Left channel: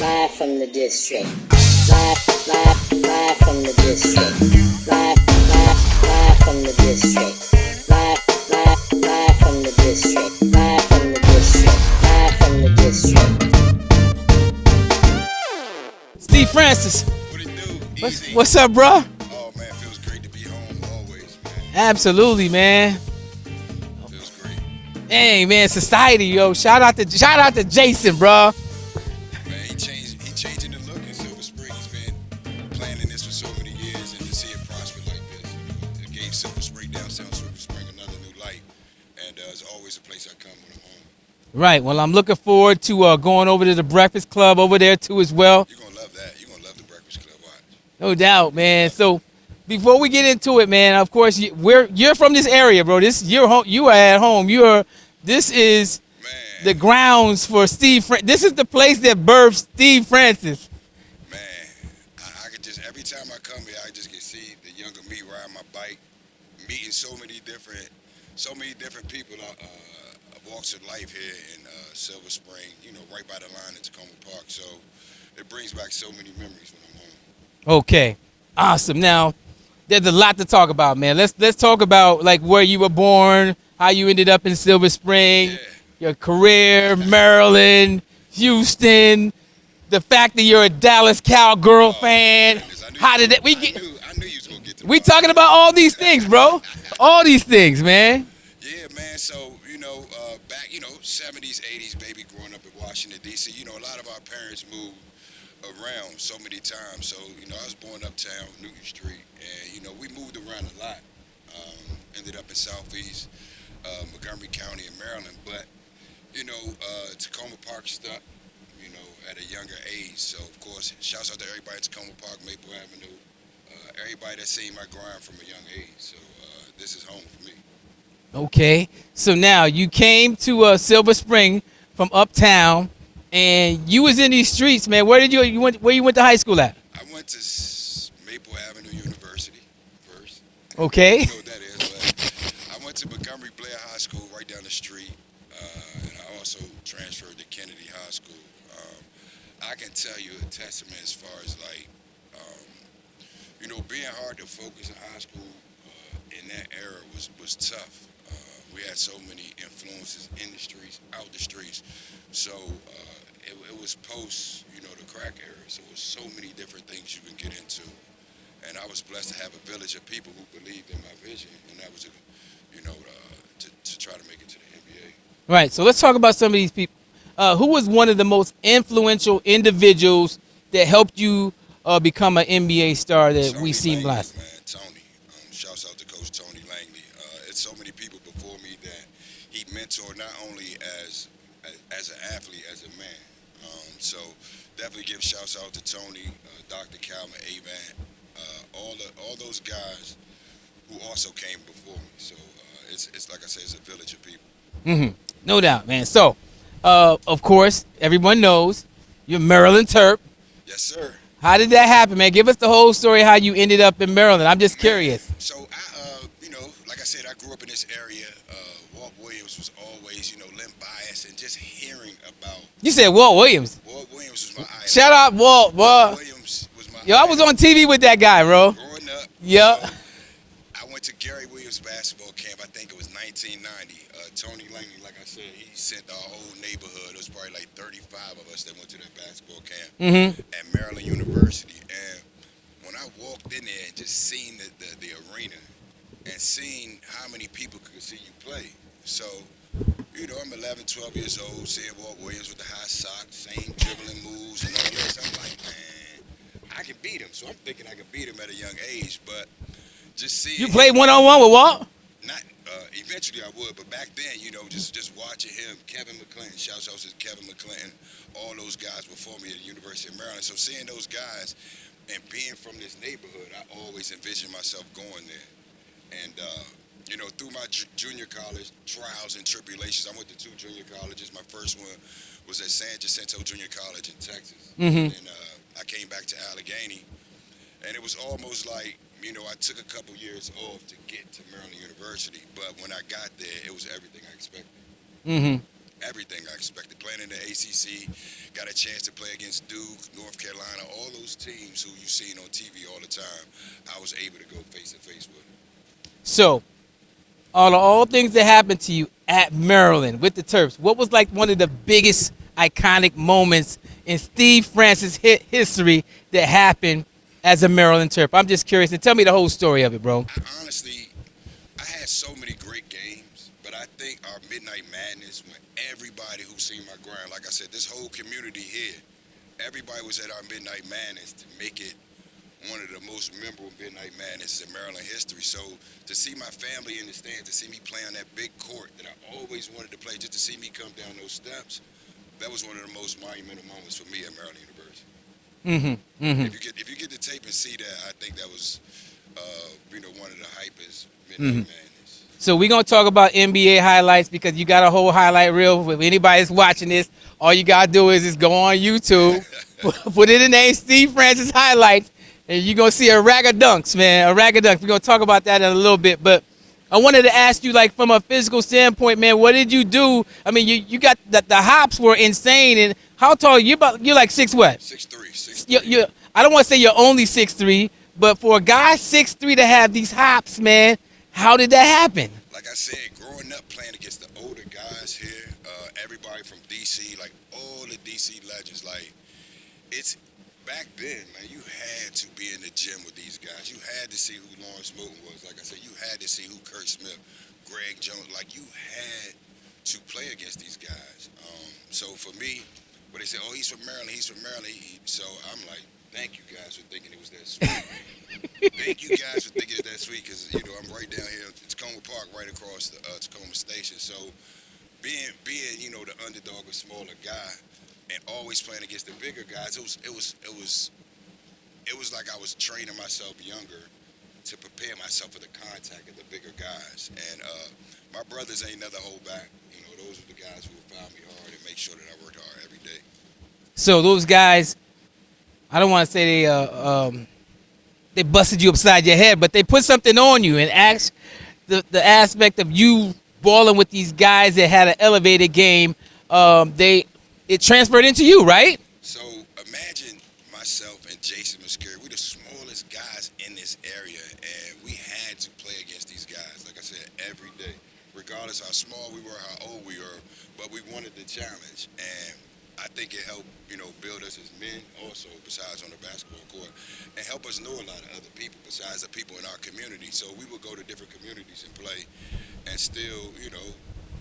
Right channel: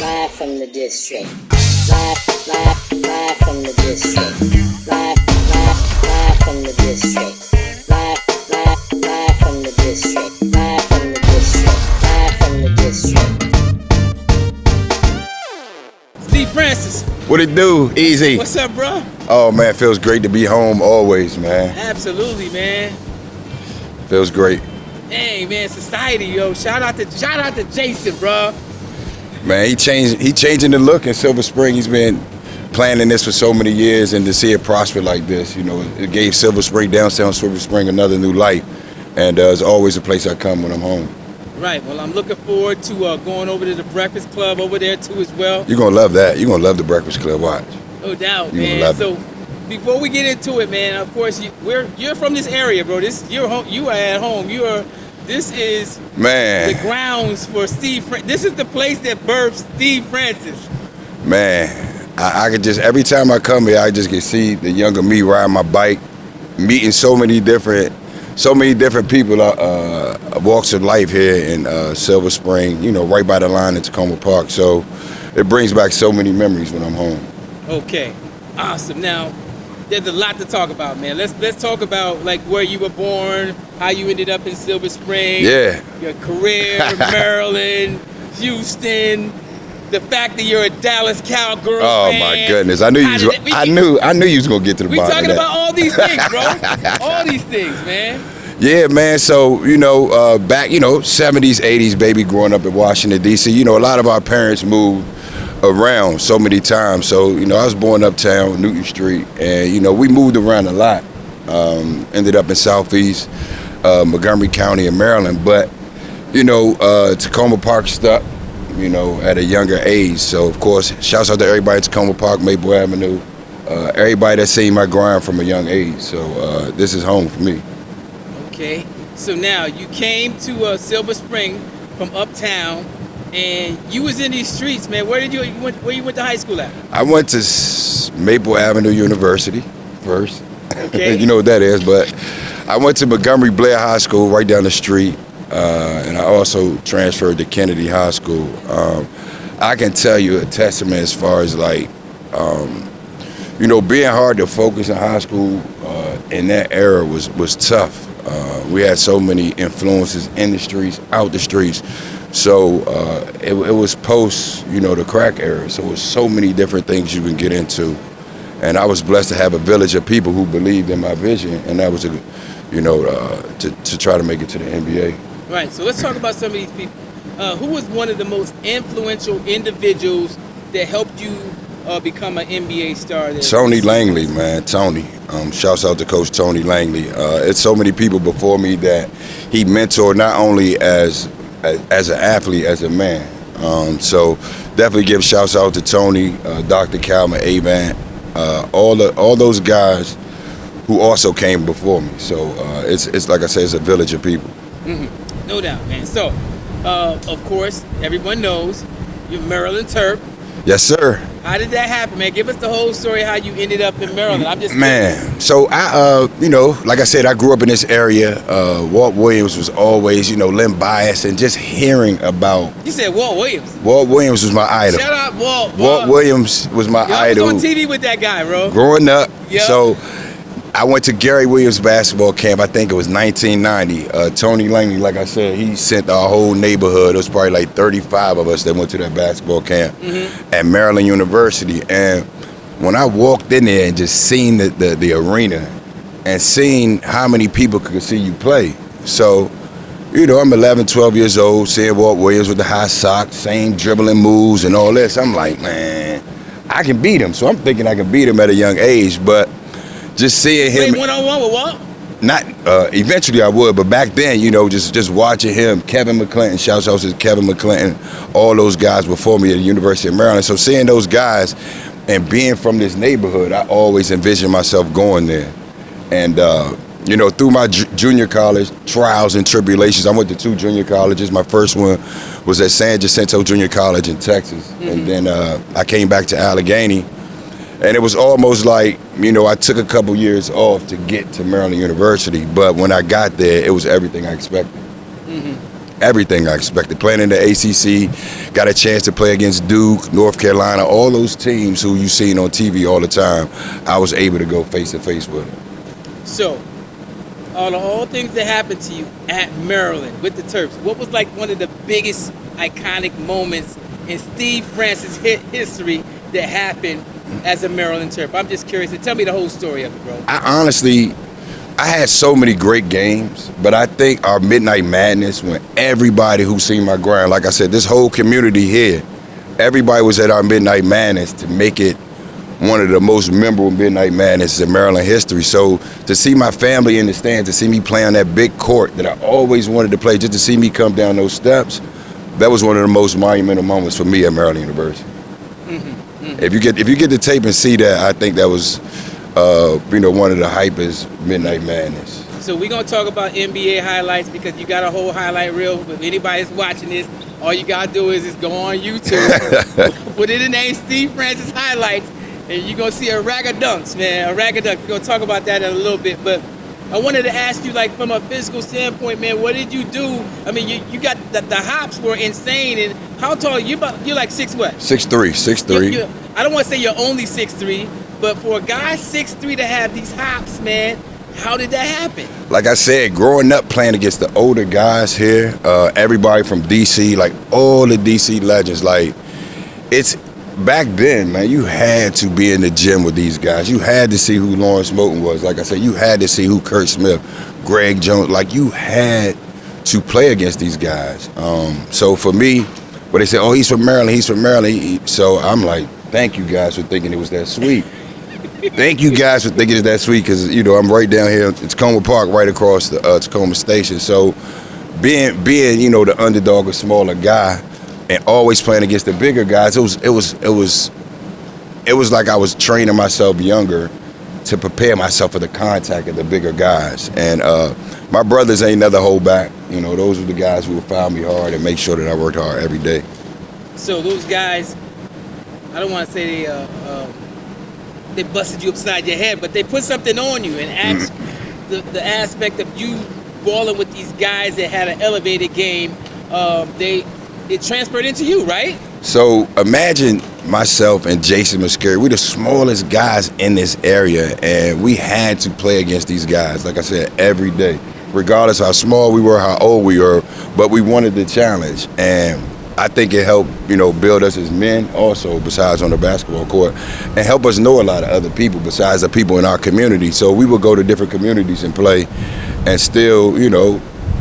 Live from the district. Live from the district. Live from the district. Live from the district. Live from the district. Live from the district. Steve Franchise. What it do? Easy. What's up, bro? Oh man, feels great to be home always, man. Absolutely, man. Feels great. Hey, man, society, yo. Shout out to Jason, bro. Man, he changing the look in Silver Spring. He's been planning this for so many years, and to see it prosper like this, you know, it gave Silver Spring, downtown Silver Spring, another new life. And it's always a place I come when I'm home. Right. Well, I'm looking forward to going over to the Breakfast Club over there too as well. You're gonna love that. You're gonna love the Breakfast Club. Watch. No doubt, man. So before we get into it, man, of course you're from this area, bro. You are at home. This is man the grounds for Steve. This is the place that birthed Steve Franchise. Man, I could just, every time I come here, I just can see the younger me riding my bike, meeting so many different people, walks of life here in Silver Spring, you know, right by the line at Tacoma Park. So it brings back so many memories when I'm home. Okay, awesome. Now, there's a lot to talk about, man. Let's talk about like where you were born, how you ended up in Silver Spring, yeah, your career, Maryland, Houston, the fact that you're a Dallas Cowgirl fan. Oh my goodness, I knew you was gonna get to the bottom. We talking about all these things, bro. All these things, man. Yeah, man. So, you know, back, you know, 70s, 80s, baby, growing up in Washington, D.C., you know, a lot of our parents moved around so many times. So, you know, I was born uptown, Newton Street, and, you know, we moved around a lot. Ended up in Southeast Montgomery County in Maryland. But, you know, Tacoma Park stuck, you know, at a younger age. So, of course, shouts out to everybody at Tacoma Park, Maple Avenue, everybody that's seen my grind from a young age. So this is home for me. Okay, so now you came to Silver Spring from uptown, and you was in these streets, man. Where you went to high school at? I went to Maple Avenue University first. Okay. You know what that is, but I went to Montgomery Blair High School right down the street, and I also transferred to Kennedy High School. I can tell you a testament as far as like, you know, being hard to focus in high school in that era was tough. We had so many influences in the streets, out the streets. So it was post, you know, the crack era. So it was so many different things you can get into. And I was blessed to have a village of people who believed in my vision. And that was, you know, to try to make it to the NBA. Right. So let's talk about some of these people. Who was one of the most influential individuals that helped you become an NBA star? Tony Langley, man. Tony. Shouts out to Coach Tony Langley. It's so many people before me that he mentored not only as an athlete, as a man. So definitely give shouts out to Tony, Dr. Calvin, Avant, all those guys who also came before me. So it's like I say, it's a village of people. Mm-hmm. No doubt, man. So, of course, everyone knows you're Maryland Terp. Yes, sir. How did that happen, man? Give us the whole story how you ended up in Maryland. I'm just curious. Man, so I, you know, like I said, I grew up in this area. Walt Williams was always, you know, Len Bias, and just hearing about. You said Walt Williams. Walt Williams was my idol. Shout out Walt. Walt Williams was my idol. I was on TV with that guy, bro. Growing up. Yep. So I went to Gary Williams basketball camp. I think it was 1990. Tony Langley, like I said, he sent our whole neighborhood. It was probably like 35 of us that went to that basketball camp at Maryland University. And when I walked in there and just seen the arena and seen how many people could see you play. So, you know, I'm 11, 12 years old, seeing Walt Williams with the high socks, same dribbling moves and all this. I'm like, man, I can beat him. So I'm thinking I can beat him at a young age, but just seeing him. Play one-on-one with Walt? Not, eventually I would, but back then, you know, just watching him, Kevin McClinton, shouts out to Kevin McClinton, all those guys before me at the University of Maryland. So seeing those guys and being from this neighborhood, I always envisioned myself going there. And, you know, through my junior college trials and tribulations, I went to 2 junior colleges. My first one was at San Jacinto Junior College in Texas. And then I came back to Allegheny. And it was almost like, you know, I took a couple years off to get to Maryland University, but when I got there, it was everything I expected. everything I expected. Playing in the ACC, got a chance to play against Duke, North Carolina, all those teams who you seen on TV all the time. I was able to go face to face with them. So, all things that happened to you at Maryland with the Terps, what was like one of the biggest iconic moments in Steve Francis history that happened as a Maryland Terp? I'm just curious. Tell me the whole story of it, bro. I had so many great games, but I think our Midnight Madness, when everybody who seen my grind, like I said, this whole community here, everybody was at our Midnight Madness to make it one of the most memorable Midnight Madness in Maryland history. So to see my family in the stands, to see me play on that big court that I always wanted to play, just to see me come down those steps, that was one of the most monumental moments for me at Maryland University. Mm-hmm, mm-hmm. If you get the tape and see that, I think that was one of the hypest Midnight Madness. So we're going to talk about NBA highlights because you got a whole highlight reel. If anybody's watching this, all you got to do is go on YouTube, put in the name Steve Francis highlights, and you're going to see a rag of dunks, man, a rag of dunks. We're going to talk about that in a little bit, but I wanted to ask you, like, from a physical standpoint, man, what did you do? I mean, you got the hops were insane, and how tall are you? You're like 6 what? 6'3". I don't want to say you're only 6'3", but for a guy 6'3" to have these hops, man, how did that happen? Like I said, growing up playing against the older guys here, everybody from D.C., like all the D.C. legends, like it's back then, man, you had to be in the gym with these guys. You had to see who Lawrence Moten was. Like I said, you had to see who Kurt Smith, Greg Jones, like you had to play against these guys. So for me, when they say, oh, he's from Maryland, so I'm like, thank you guys for thinking it was that sweet. Thank you guys for thinking it's that sweet because, I'm right down here. It's Tacoma Park right across the Tacoma Station. So being the underdog, a smaller guy, and always playing against the bigger guys, it was like I was training myself younger to prepare myself for the contact of the bigger guys. And my brothers ain't never hold back. Those were the guys who would foul me hard and make sure that I worked hard every day. So those guys, I don't want to say they busted you upside your head, but they put something on you and asked the aspect of you balling with these guys that had an elevated game. It transferred into you, right? So imagine myself and Jason Muscari. We're the smallest guys in this area, and we had to play against these guys, like I said, every day. Regardless how small we were, how old we were, but we wanted the challenge. And I think it helped, build us as men also, besides on the basketball court, and help us know a lot of other people besides the people in our community. So we would go to different communities and play, and still,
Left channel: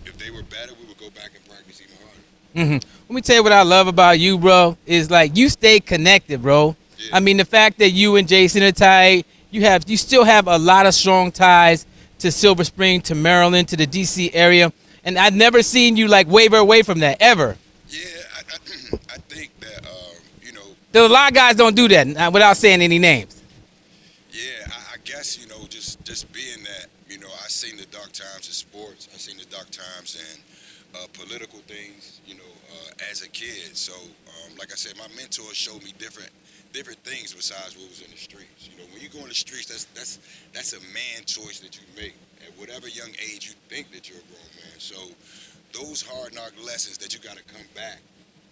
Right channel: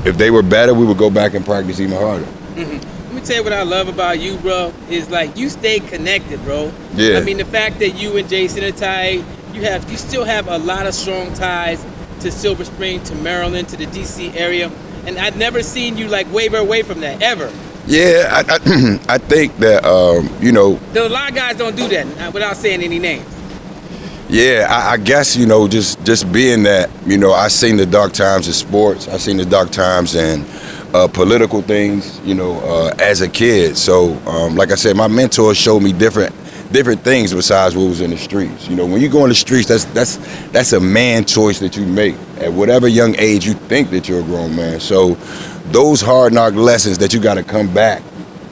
if they were better, we would go back and practice even harder. Mm-hmm. Let me tell you what I love about you, bro, is like you stay connected, bro. Yeah. I mean, the fact that you and Jason are tied, you still have a lot of strong ties to Silver Spring, to Maryland, to the D.C. area, and I've never seen you like waver away from that ever. Yeah, I think that There a lot of guys don't do that without saying any names. Yeah, I guess just being that I seen the dark times in sports, I seen the dark times in political things, as a kid. So, like I said, my mentors showed me different things besides what was in the streets. When you go in the streets, that's a man choice that you make at whatever young age you think that you're a grown man. So, those hard knock lessons that you got to come back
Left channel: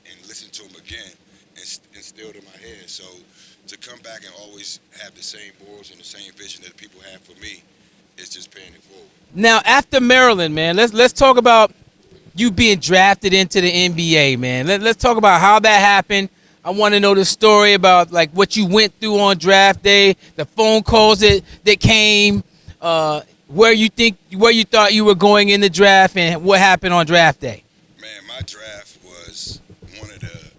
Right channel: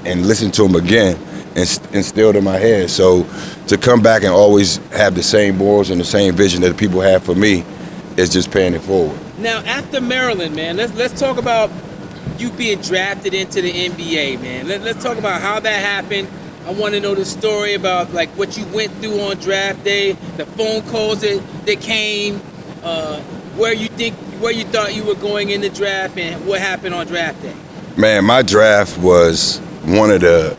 and listen to them again and instilled in my head. So, to come back and always have the same morals and the same vision that people have for me is just paying it forward. Now, after Maryland, man, let's talk about you being drafted into the NBA, man. Let's talk about how that happened. I want to know the story about like what you went through on draft day, the phone calls that came, where you thought you were going in the draft, and what happened on draft day. Man, my draft was one of the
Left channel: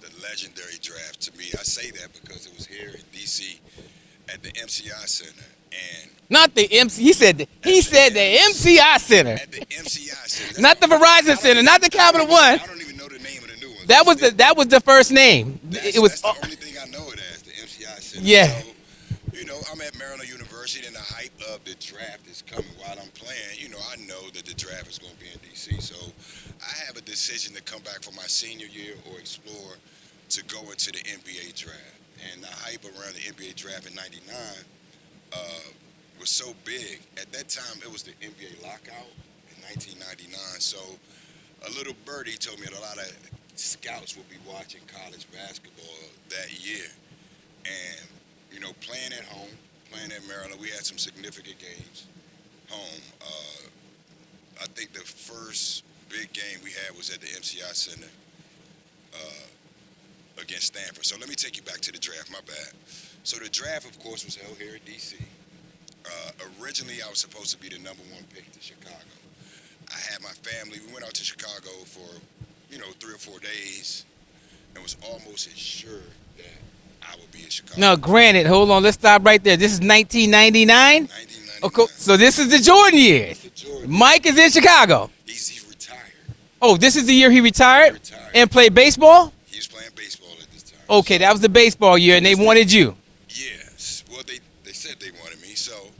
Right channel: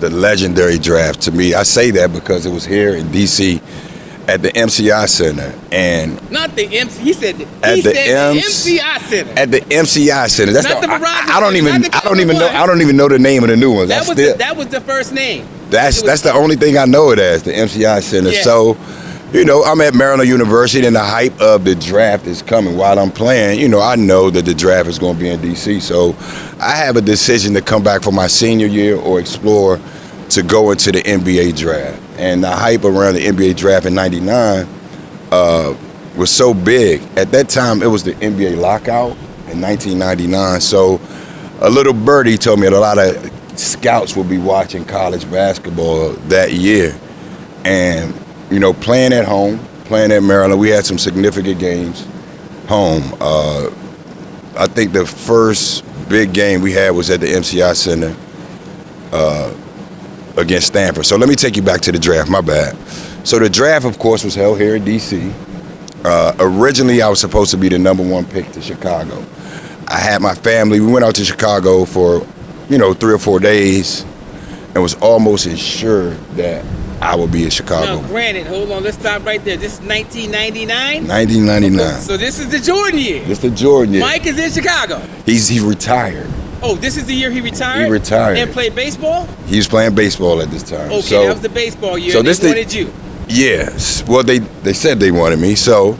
legendary drafts to me. I say that because it was here in D.C. at the MCI Center, and not the MC. He said the MCI Center. At the MCI Center. That's not the Verizon Center. Not the Cowboys Fan. I don't even know the name of the new ones. That was the first name. That's the only thing I know it as, the MCI Center. Yeah. So, I'm at Maryland University, and the hype of the draft is coming while I'm playing. I know that the draft is going to be in D.C. So, I have a decision to come back for my senior year or explore to go into the NBA draft. And the hype around the NBA draft in '99 was so big. At that time, it was the NBA lockout in 1999. So a little birdie told me that a lot of scouts will be watching college basketball that year. And, you know, playing at home, playing at Maryland, we had some significant games home. I think the first big game we had was at the MCI Center against Stanford. So let me take you back to the draft, my bad. So the draft, of course, was held here in D.C. Originally, I was supposed to be the #1 pick to Chicago. I had my family. We went out to Chicago for, 3 or 4 days and was almost assured that I would be in Chicago. Now, granted, hold on, let's stop right there. This is 1999? 1999. Okay, so this is the Jordan year. It's the Jordan year. Mike is in Chicago. He retired. Oh, this is the year he retired? He retired. And played baseball? He was playing baseball at this time. Okay, so, that was the baseball year, so and they wanted you. Yes. Well, they said they wanted me. So,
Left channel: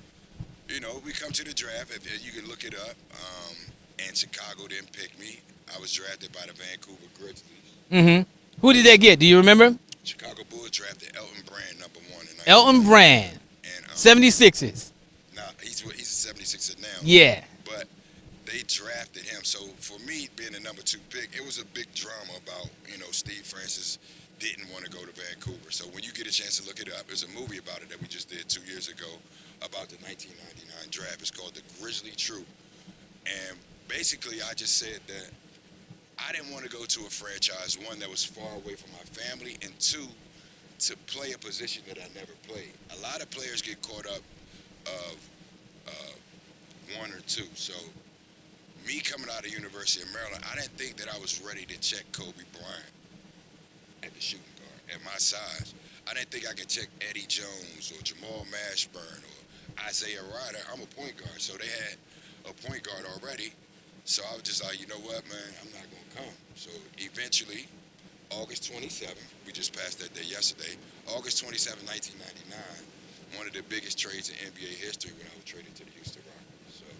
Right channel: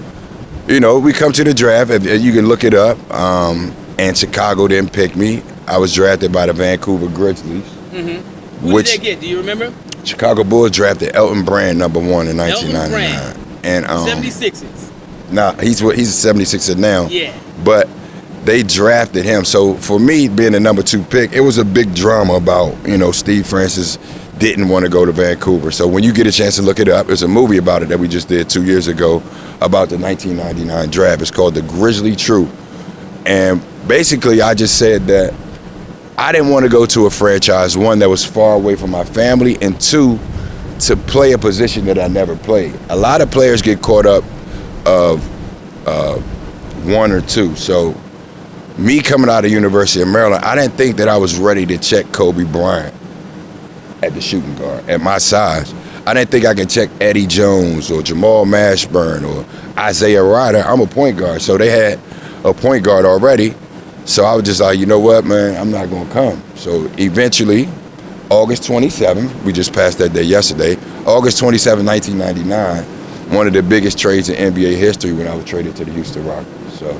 we come to the draft, and you can look it up, and Chicago didn't pick me. I was drafted by the Vancouver Grizzlies. Mm-hmm. Who did they get? Do you remember? Chicago Bulls drafted Elton Brand #1 in 1999. Elton Brand. And 76ers. Nah, he's a 76er now. Yeah. But they drafted him. So for me, being the #2 pick, it was a big drama about, Steve Franchise didn't want to go to Vancouver. So when you get a chance to look it up, there's a movie about it that we just did 2 years ago about the 1999 draft. It's called The Grizzly Truth. And basically, I just said that I didn't want to go to a franchise, one, that was far away from my family, and two, to play a position that I never played. A lot of players get caught up of one or two. So me coming out of University of Maryland, I didn't think that I was ready to check Kobe Bryant at the shooting guard, at my size. I didn't think I could check Eddie Jones or Jamal Mashburn or Isaiah Ryder. I'm a point guard, so they had a point guard already. So I was just like, you know what, man, I'm not going to come. So eventually, August 27th, we just passed that day yesterday, August 27, 1999, one of the biggest trades in NBA history when I was traded to the Houston Rockets. So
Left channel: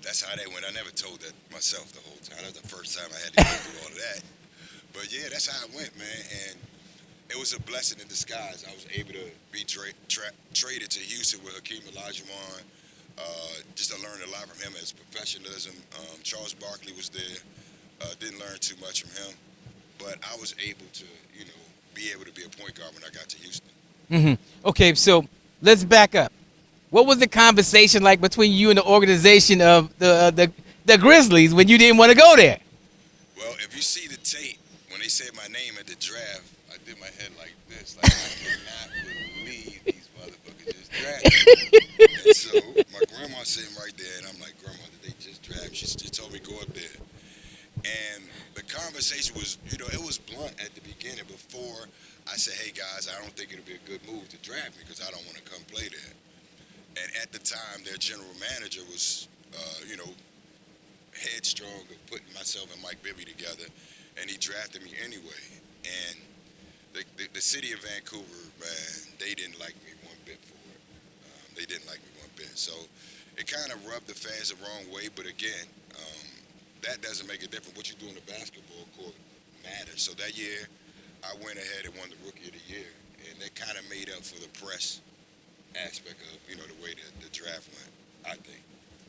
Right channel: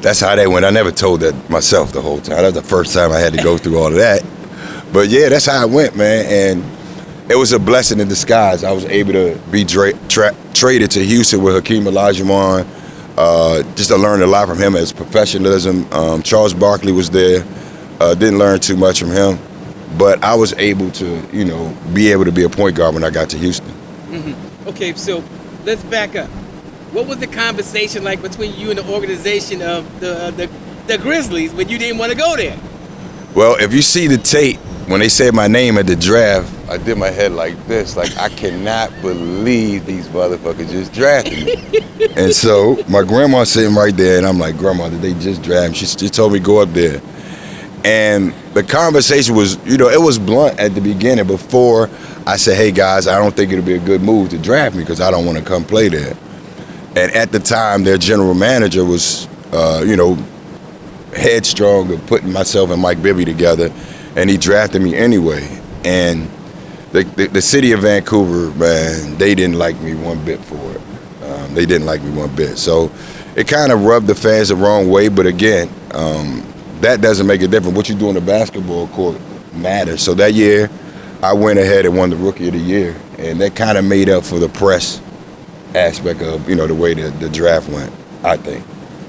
that's how that went. I never told that myself the whole time. That was the first time I had to go through all of that. But yeah, that's how it went, man. And it was a blessing in disguise. I was able to be traded to Houston with Hakeem Elija, just to learn a lot from him as professionalism. Charles Barkley was there. Didn't learn too much from him. But I was able to, be able to be a point guard when I got to Houston. Mm-hmm. Okay, so let's back up. What was the conversation like between you and the organization of the Grizzlies when you didn't want to go there? Well, if you see the tape, when they said my name at the draft, I did my head like this, like, I cannot believe these motherfuckers just drafted me. And so my grandma's sitting right there, and I'm like, Grandma, did they just draft me? She told me go up there. And the conversation was, it was blunt at the beginning before I said, hey, guys, I don't think it'll be a good move to draft me because I don't want to come play there. And at the time, their general manager was, headstrong of putting myself and Mike Bibby together, and he drafted me anyway. And the city of Vancouver, man, they didn't like me one bit for it. They didn't like me one bit. So it kind of rubbed the fans the wrong way, but again, that doesn't make a difference. What you do on the basketball court matters. So that year, I went ahead and won the Rookie of the Year, and that kind of made up for the press aspect of, the way the draft went, I think.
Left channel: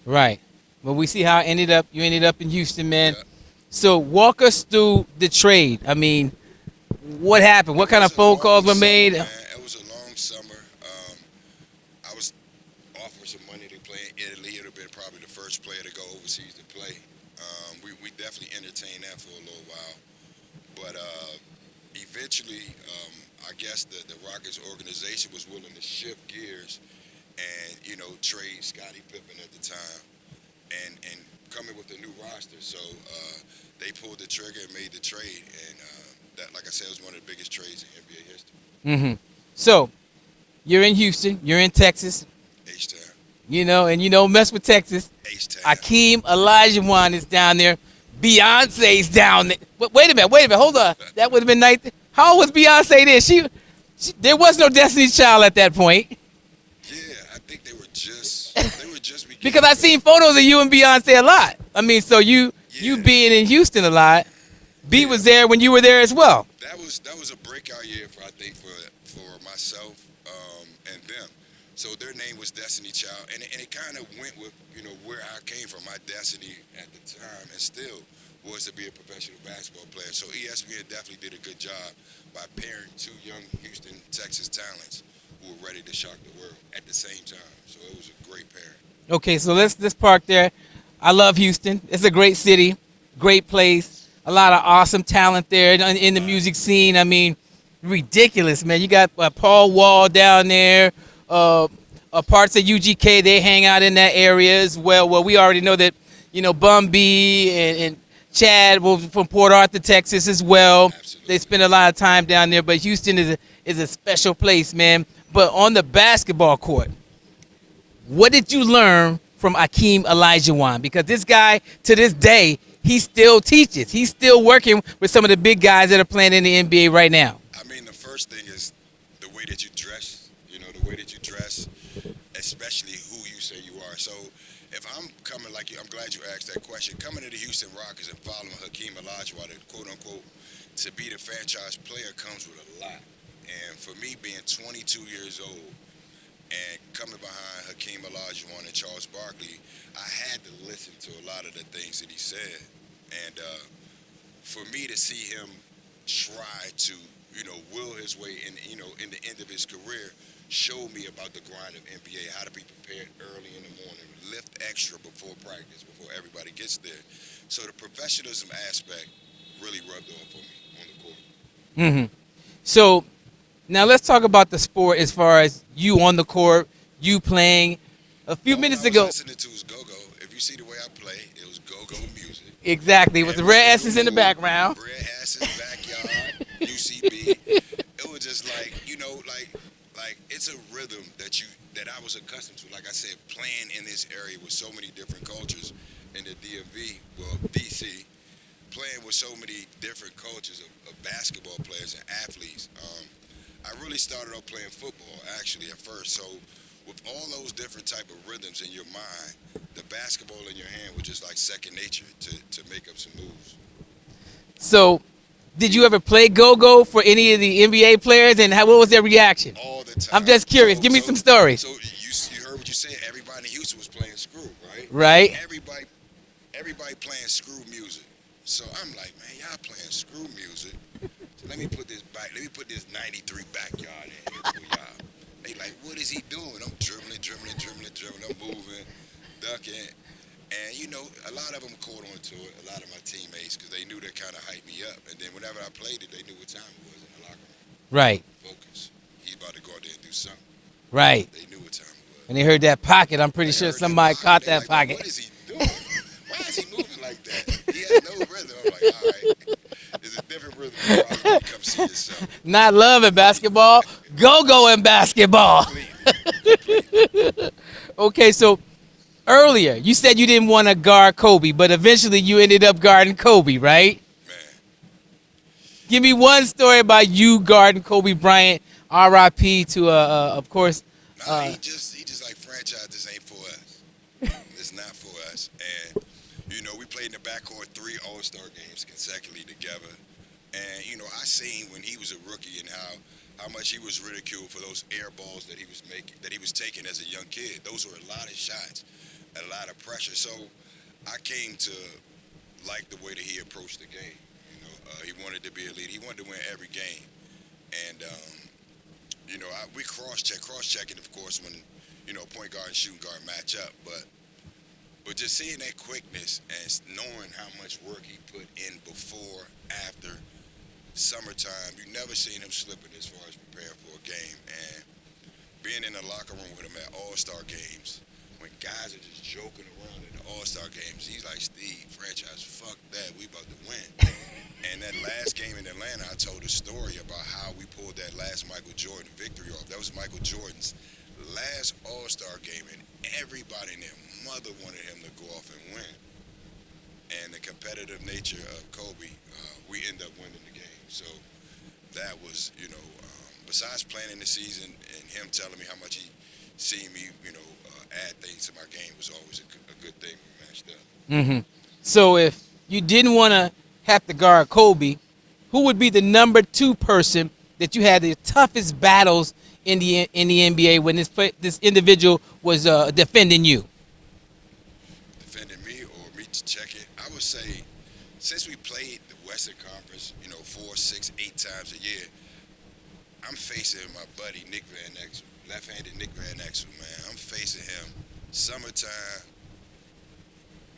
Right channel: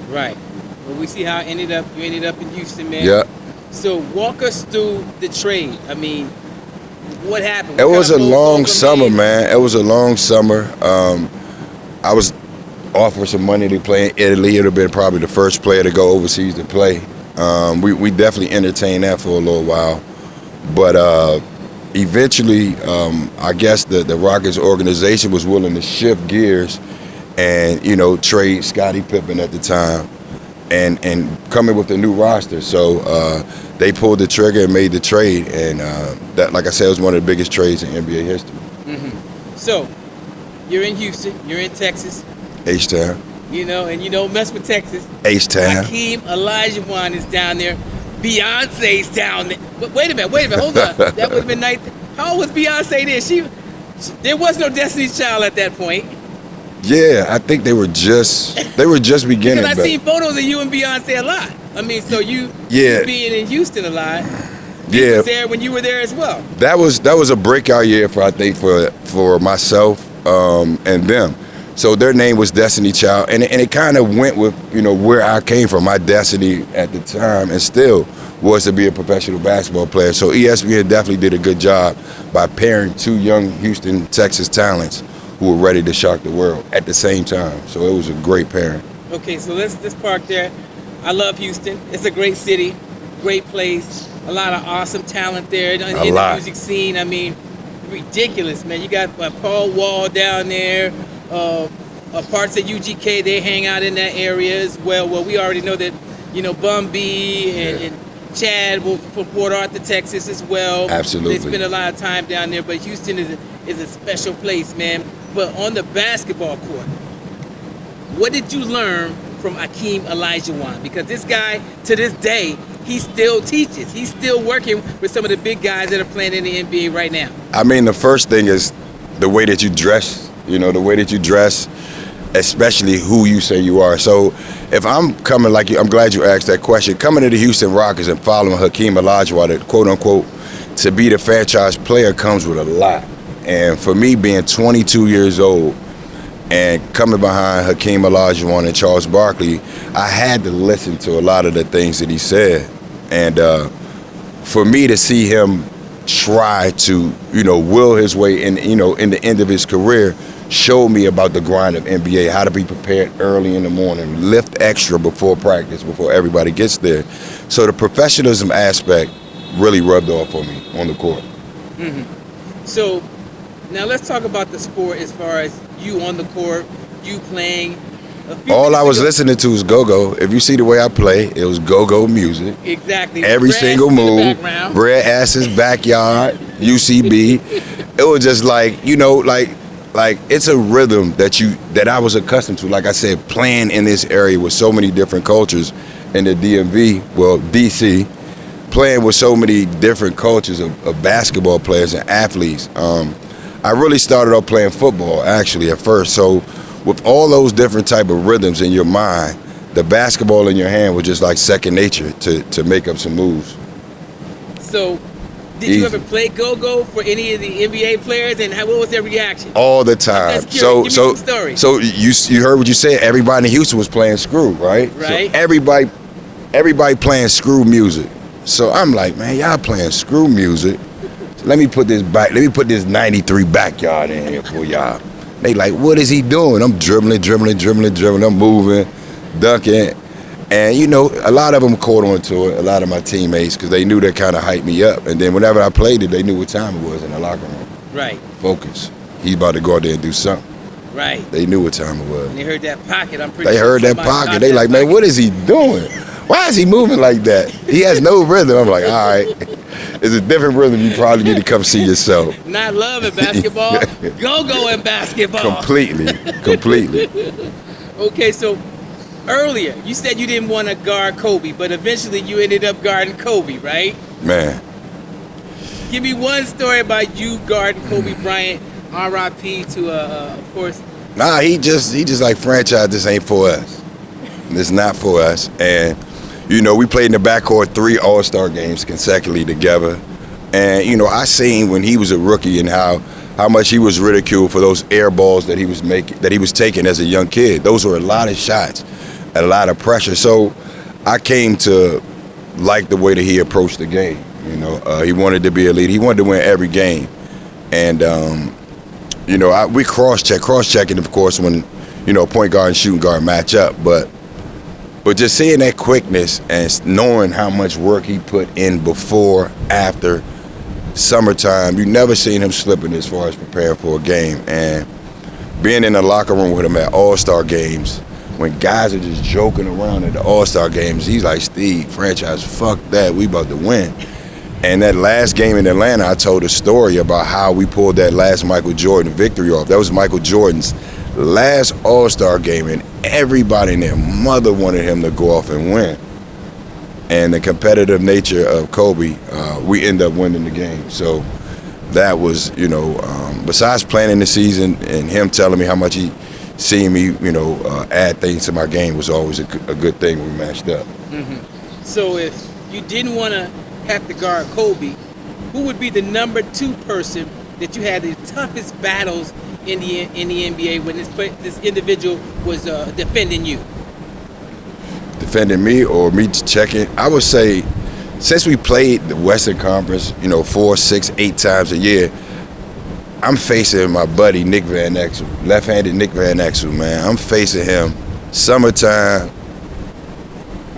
Right. But we see how it ended up. You ended up in Houston, man. Yeah. So walk us through the trade. I mean, what happened? What it kind was of a long were summer, made? man. It was a long summer. I was offered some money to play in Italy. It would have been probably the first player to go overseas to play. We definitely entertained that for a little while. But eventually, I guess the Rockets organization was willing to shift gears and, trade Scottie Pippen at the time and come in with a new roster. So they pulled the trigger and made the trade. And that, like I said, was one of the biggest trades in NBA history. Mm-hmm. So you're in Houston. You're in Texas. H-Town. And you don't mess with Texas. H-Town. Hakeem Elija is down there. Beyonce's down there. Wait a minute, hold on. That would have been nice. How old was Beyonce then? There was no Destiny's Child at that point. Yeah, I think they were just beginning. Because I seen photos of you and Beyonce a lot. I mean, so you being in Houston a lot. B was there when you were there as well. That was a breakout year for myself and them. So their name was Destiny Child, and it kind of went with, where I came from. My destiny at the time, and still, was to be a professional basketball player. So ESPN definitely did a good job by pairing two young Houston, Texas talents who were ready to shock the world at the same time. So it was a great pairing. Okay, so let's park there. I love Houston. It's a great city, great place. A lot of awesome talent there in the music scene. I mean, ridiculous, man. You got Paul Wall down there. Parts of UGK, they hang out in that area as well. Well, we already know that, Bum B and Chad from Port Arthur, Texas as well. Absolutely. They spend a lot of time down there, but Houston is a special place, man. But on the basketball court, what did you learn from Hakeem Elija? Because this guy, to this day, he still teaches. He's still working with some of the big guys that are playing in the NBA right now. I mean, the first thing is the way that you dress. The way that you dress, especially who you say you are. So if I'm coming like you, I'm glad you asked that question. Coming to the Houston Rockets and following Hakeem Elija, the quote-unquote, to be the franchise player comes with a lot. And for me, being 22 years old and coming behind Hakeem Olajuwon and Charles Barkley, I had to listen to a lot of the things that he said. And for me to see him try to, will his way in the end of his career, showed me about the grind of NBA, how to be prepared early in the morning, lift extra before practice, before everybody gets there. So the professionalism aspect really rubbed off on me on the court. Mm-hmm. So now let's talk about the sport as far as you on the court, you playing. All I was listening to was go-go. If you see the way I play, it was go-go music. Exactly. Every single move. Red Asses, Backyard, UCB. It was just like, like it's a rhythm that I was accustomed to. Like I said, playing in this area with so many different cultures in the DMV, well, DC, playing with so many different cultures of basketball players and athletes. I really started off playing football, actually, at first. So with all those different type of rhythms in your mind, the basketball in your hand was just like second nature to make up some moves. So did you ever play go-go for any of the NBA players, and what was their reaction? All the time. I'm just curious. Give me some stories. So you heard what you said. Everybody in Houston was playing screw, right? Right. So everybody playing screw music. So I'm like, man, y'all playing screw music. Let me put this 93 Backyard in here for y'all. They like, what is he doing? I'm dribbling. I'm moving, dunking. And, a lot of them caught on to it, a lot of my teammates, because they knew that kind of hyped me up. And then whenever I played it, they knew what time it was in the locker room. Right. Focus. He's about to go out there and do something. Right. They knew what time it was. They heard that pocket. I'm pretty sure they heard that pocket. They like, man, what is he doing? Why is he moving like that? He has no rhythm. I'm like, all right. It's a different rhythm. You probably need to come see yourself. Not love in basketball. Go-go in basketball. Completely. Okay, so earlier you said you didn't want to guard Kobe, but eventually you ended up guarding Kobe, right? Man. Give me one story about you guarding Kobe Bryant. R.I.P. to, of course. Nah, he just like, franchise, this ain't for us. It's not for us. And, we played in the backcourt 3 All-Star games consecutively together. And, I seen when he was a rookie and how much he was ridiculed for those air balls that he was taking as a young kid. Those were a lot of shots, a lot of pressure. So I came to like the way that he approached the game. He wanted to be a leader. He wanted to win every game. And, we cross-checking, of course, when, point guard and shooting guard match up. But just seeing that quickness and knowing how much work he put in before, after, summertime, you never seen him slipping as far as preparing for a game. And being in the locker room with him at All-Star games, when guys are just joking around at the All-Star games, he's like, Steve, franchise, fuck that, we about to win. And that last game in Atlanta, I told a story about how we pulled that last Michael Jordan victory off. That was Michael Jordan's last All-Star game, and everybody and their mother wanted him to go off and win. And the competitive nature of Kobe, we end up winning the game. So that was, besides planning the season and him telling me how much he seen me, add things to my game was always a good thing when we matched up. Mm-hmm. So if you didn't want to have to guard Kobe, who would be the number 2 person that you had the toughest battles in the NBA when this individual was defending you? Defending me or me checking? I would say, since we played the Western Conference, 4, 6, 8 times a year, I'm facing my buddy Nick Van Exel, left-handed Nick Van Exel, man. I'm facing him summertime,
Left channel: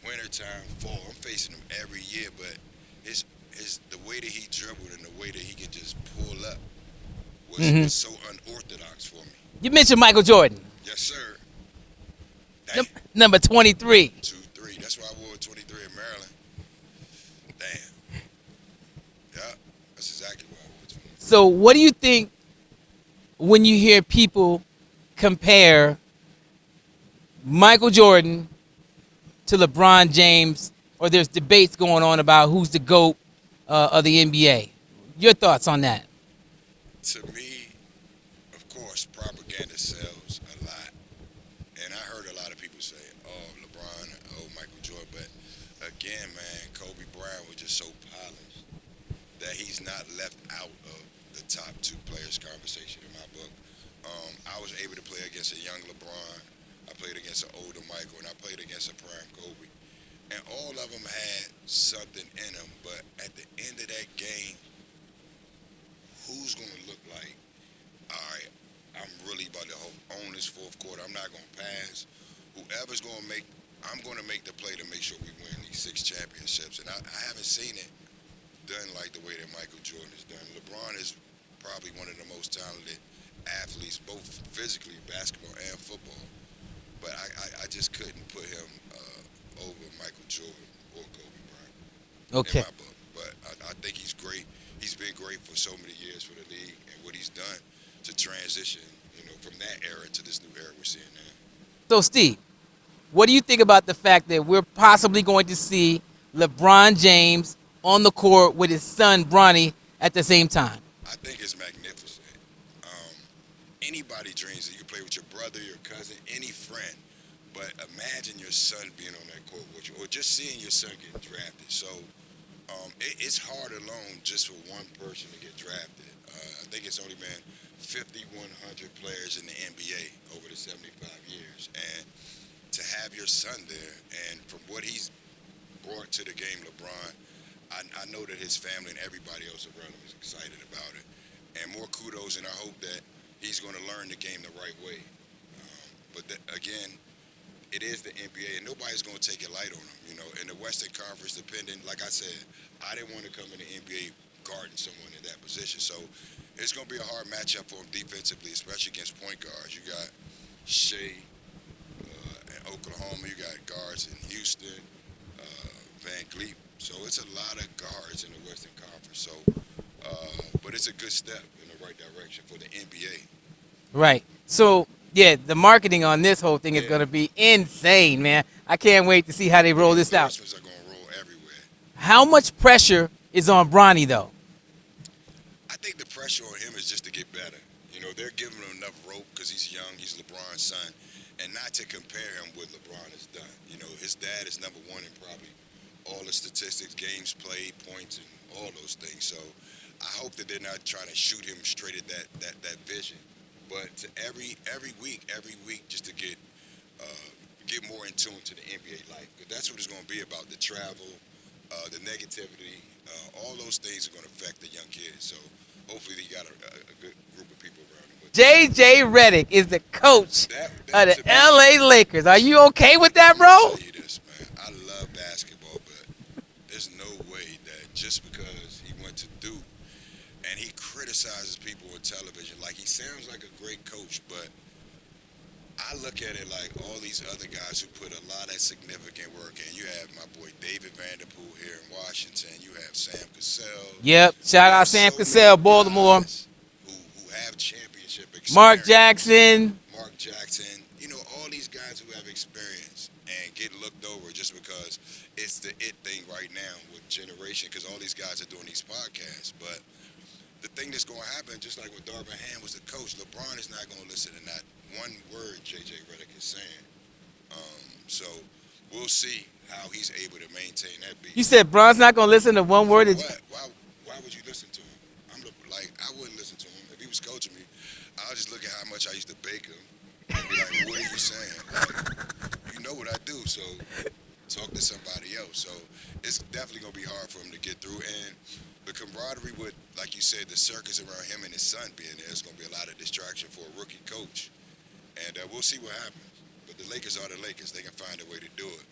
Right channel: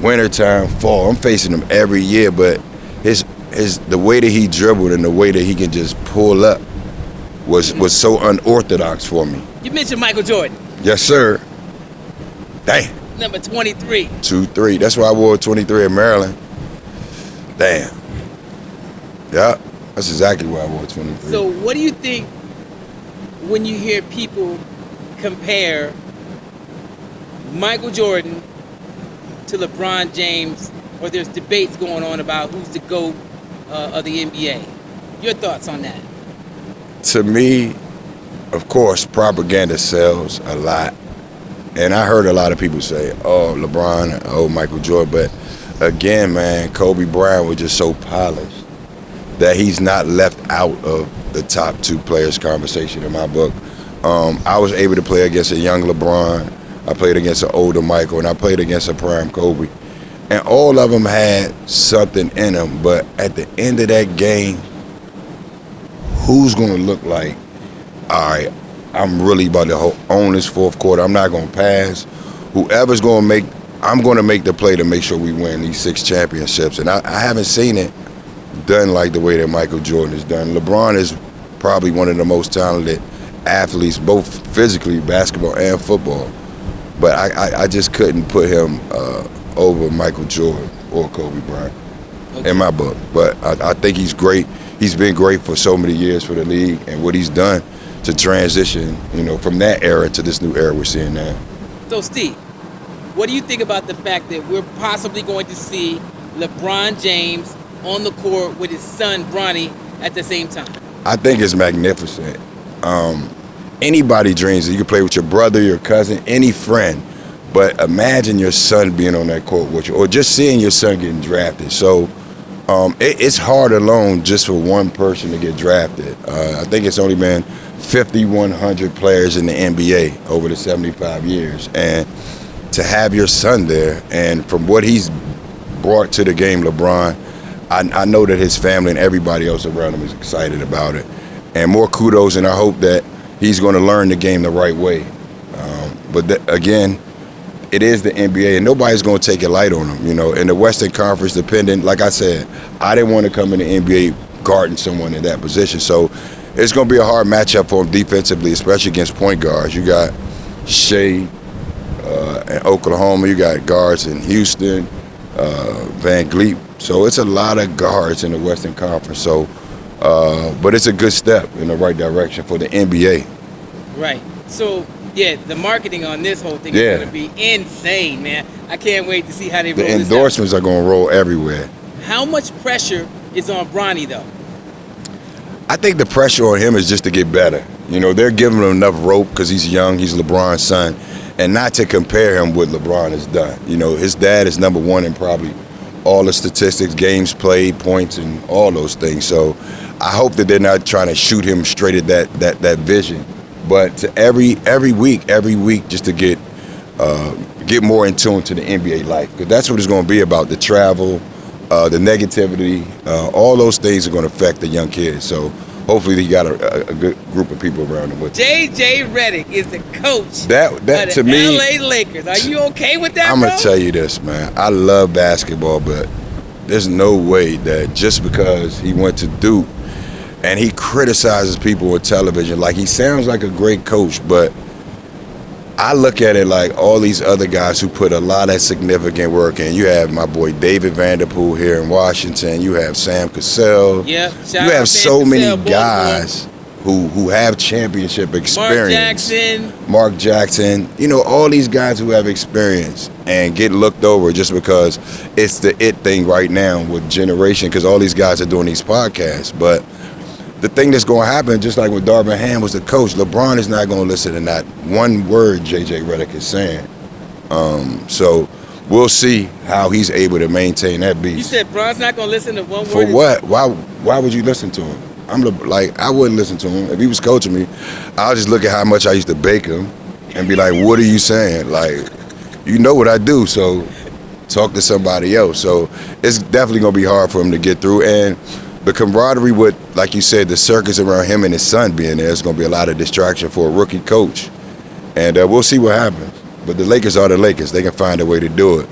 wintertime, fall. I'm facing him every year, but the way that he dribbled and the way that he can just pull up was so unorthodox for me. You mentioned Michael Jordan. Yes, sir. Damn. Number 23. 2-3. That's why I wore 23 in Maryland. Damn. Yeah, that's exactly why I wore 23. So what do you think when you hear people compare Michael Jordan to LeBron James, or there's debates going on about who's the GOAT of the NBA? Your thoughts on that? To me, of course, propaganda sells a lot. And I heard a lot of people say, oh, LeBron, oh, Michael Jordan. But again, man, Kobe Bryant was just so polished that he's not left out of the top 2 players conversation in my book. I was able to play against a young LeBron. I played against an older Michael, and I played against a prime Kobe. And all of them had something in them. But at the end of that game, who's going to look like, all right, I'm really about to own this fourth quarter. I'm not going to pass. Whoever's going to make, I'm going to make the play to make sure we win these 6 championships. And I haven't seen it done like the way that Michael Jordan has done. LeBron is probably one of the most talented athletes, both physically, basketball and football. But I just couldn't put him over Michael Jordan or Kobe Bryant in my book. But I think he's great. He's been great for so many years for the league, and what he's done to transition, from that era to this new era we're seeing now. So, Steve, what do you think about the fact that we're possibly going to see LeBron James on the court with his son, Bronny, at the same time? I think it's magnificent. Anybody dreams that you can play with your brother, your cousin, any friend, but imagine your son being on that court with you, or just seeing your son getting drafted. So it's hard alone just for one person to get drafted. I think it's only been 5,100 players in the NBA over the 75 years. And to have your son there, and from what he's brought to the game, LeBron, I know that his family and everybody else around him is excited about it. And more kudos, and I hope that he's going to learn the game the right way. Again, it is the NBA, and nobody's going to take it light on him. In the Western Conference, dependent, like I said, I didn't want to come in the NBA guarding someone in that position. So it's going to be a hard matchup for him defensively, especially against point guards. You got Shea in Oklahoma. You got guards in Houston, Van Vliet. So it's a lot of guards in the Western Conference. So, but it's a good step in the right direction for the NBA. Right. So, yeah, the marketing on this whole thing is going to be insane, man. I can't wait to see how they roll this out. The endorsements are going to roll everywhere. How much pressure is on Bronny, though? I think the pressure on him is just to get better. They're giving him enough rope because he's young, he's LeBron's son, and not to compare him with LeBron has done. His dad is number 1 in probably all the statistics, games played, points, and all those things. So I hope that they're not trying to shoot him straight at that vision. But to every week, just to get more in tune to the NBA life, because that's what it's going to be about. The travel, the negativity, all those things are going to affect the young kids. So hopefully he got a good group of people around him with him. J.J. Redick is the coach that of to the me, L.A. Lakers. Are you okay with that, I'm bro? going to tell you this, man. I love basketball, but there's no way that just because he went to Duke and he criticizes people on television, like he sounds like a great coach, but I look at it like all these other guys who put a lot of significant work in. You have my boy David Vanderpool here in Washington. You have Sam Cassell. Yeah, you have so many guys who have championship experience. Mark Jackson. All these guys who have experience and get looked over just because it's the it thing right now with generation, because all these guys are doing these podcasts. But the thing that's going to happen, just like when Darvin Ham was the coach, LeBron is not going to listen to not one word J.J. Redick is saying. So we'll see how he's able to maintain that beast. You said Bron's not going to listen to one For word? what? Why would you listen to him? I wouldn't listen to him. If he was coaching me, I'll just look at how much I used to bake him and be like, what are you saying? Like, you know what I do, so talk to somebody else. So it's definitely going to be hard for him to get through. And the camaraderie with, like you said, the circus around him and his son being there is going to be a lot of distraction for a rookie coach. And we'll see what happens. But the Lakers are the Lakers. They can find a way to do it.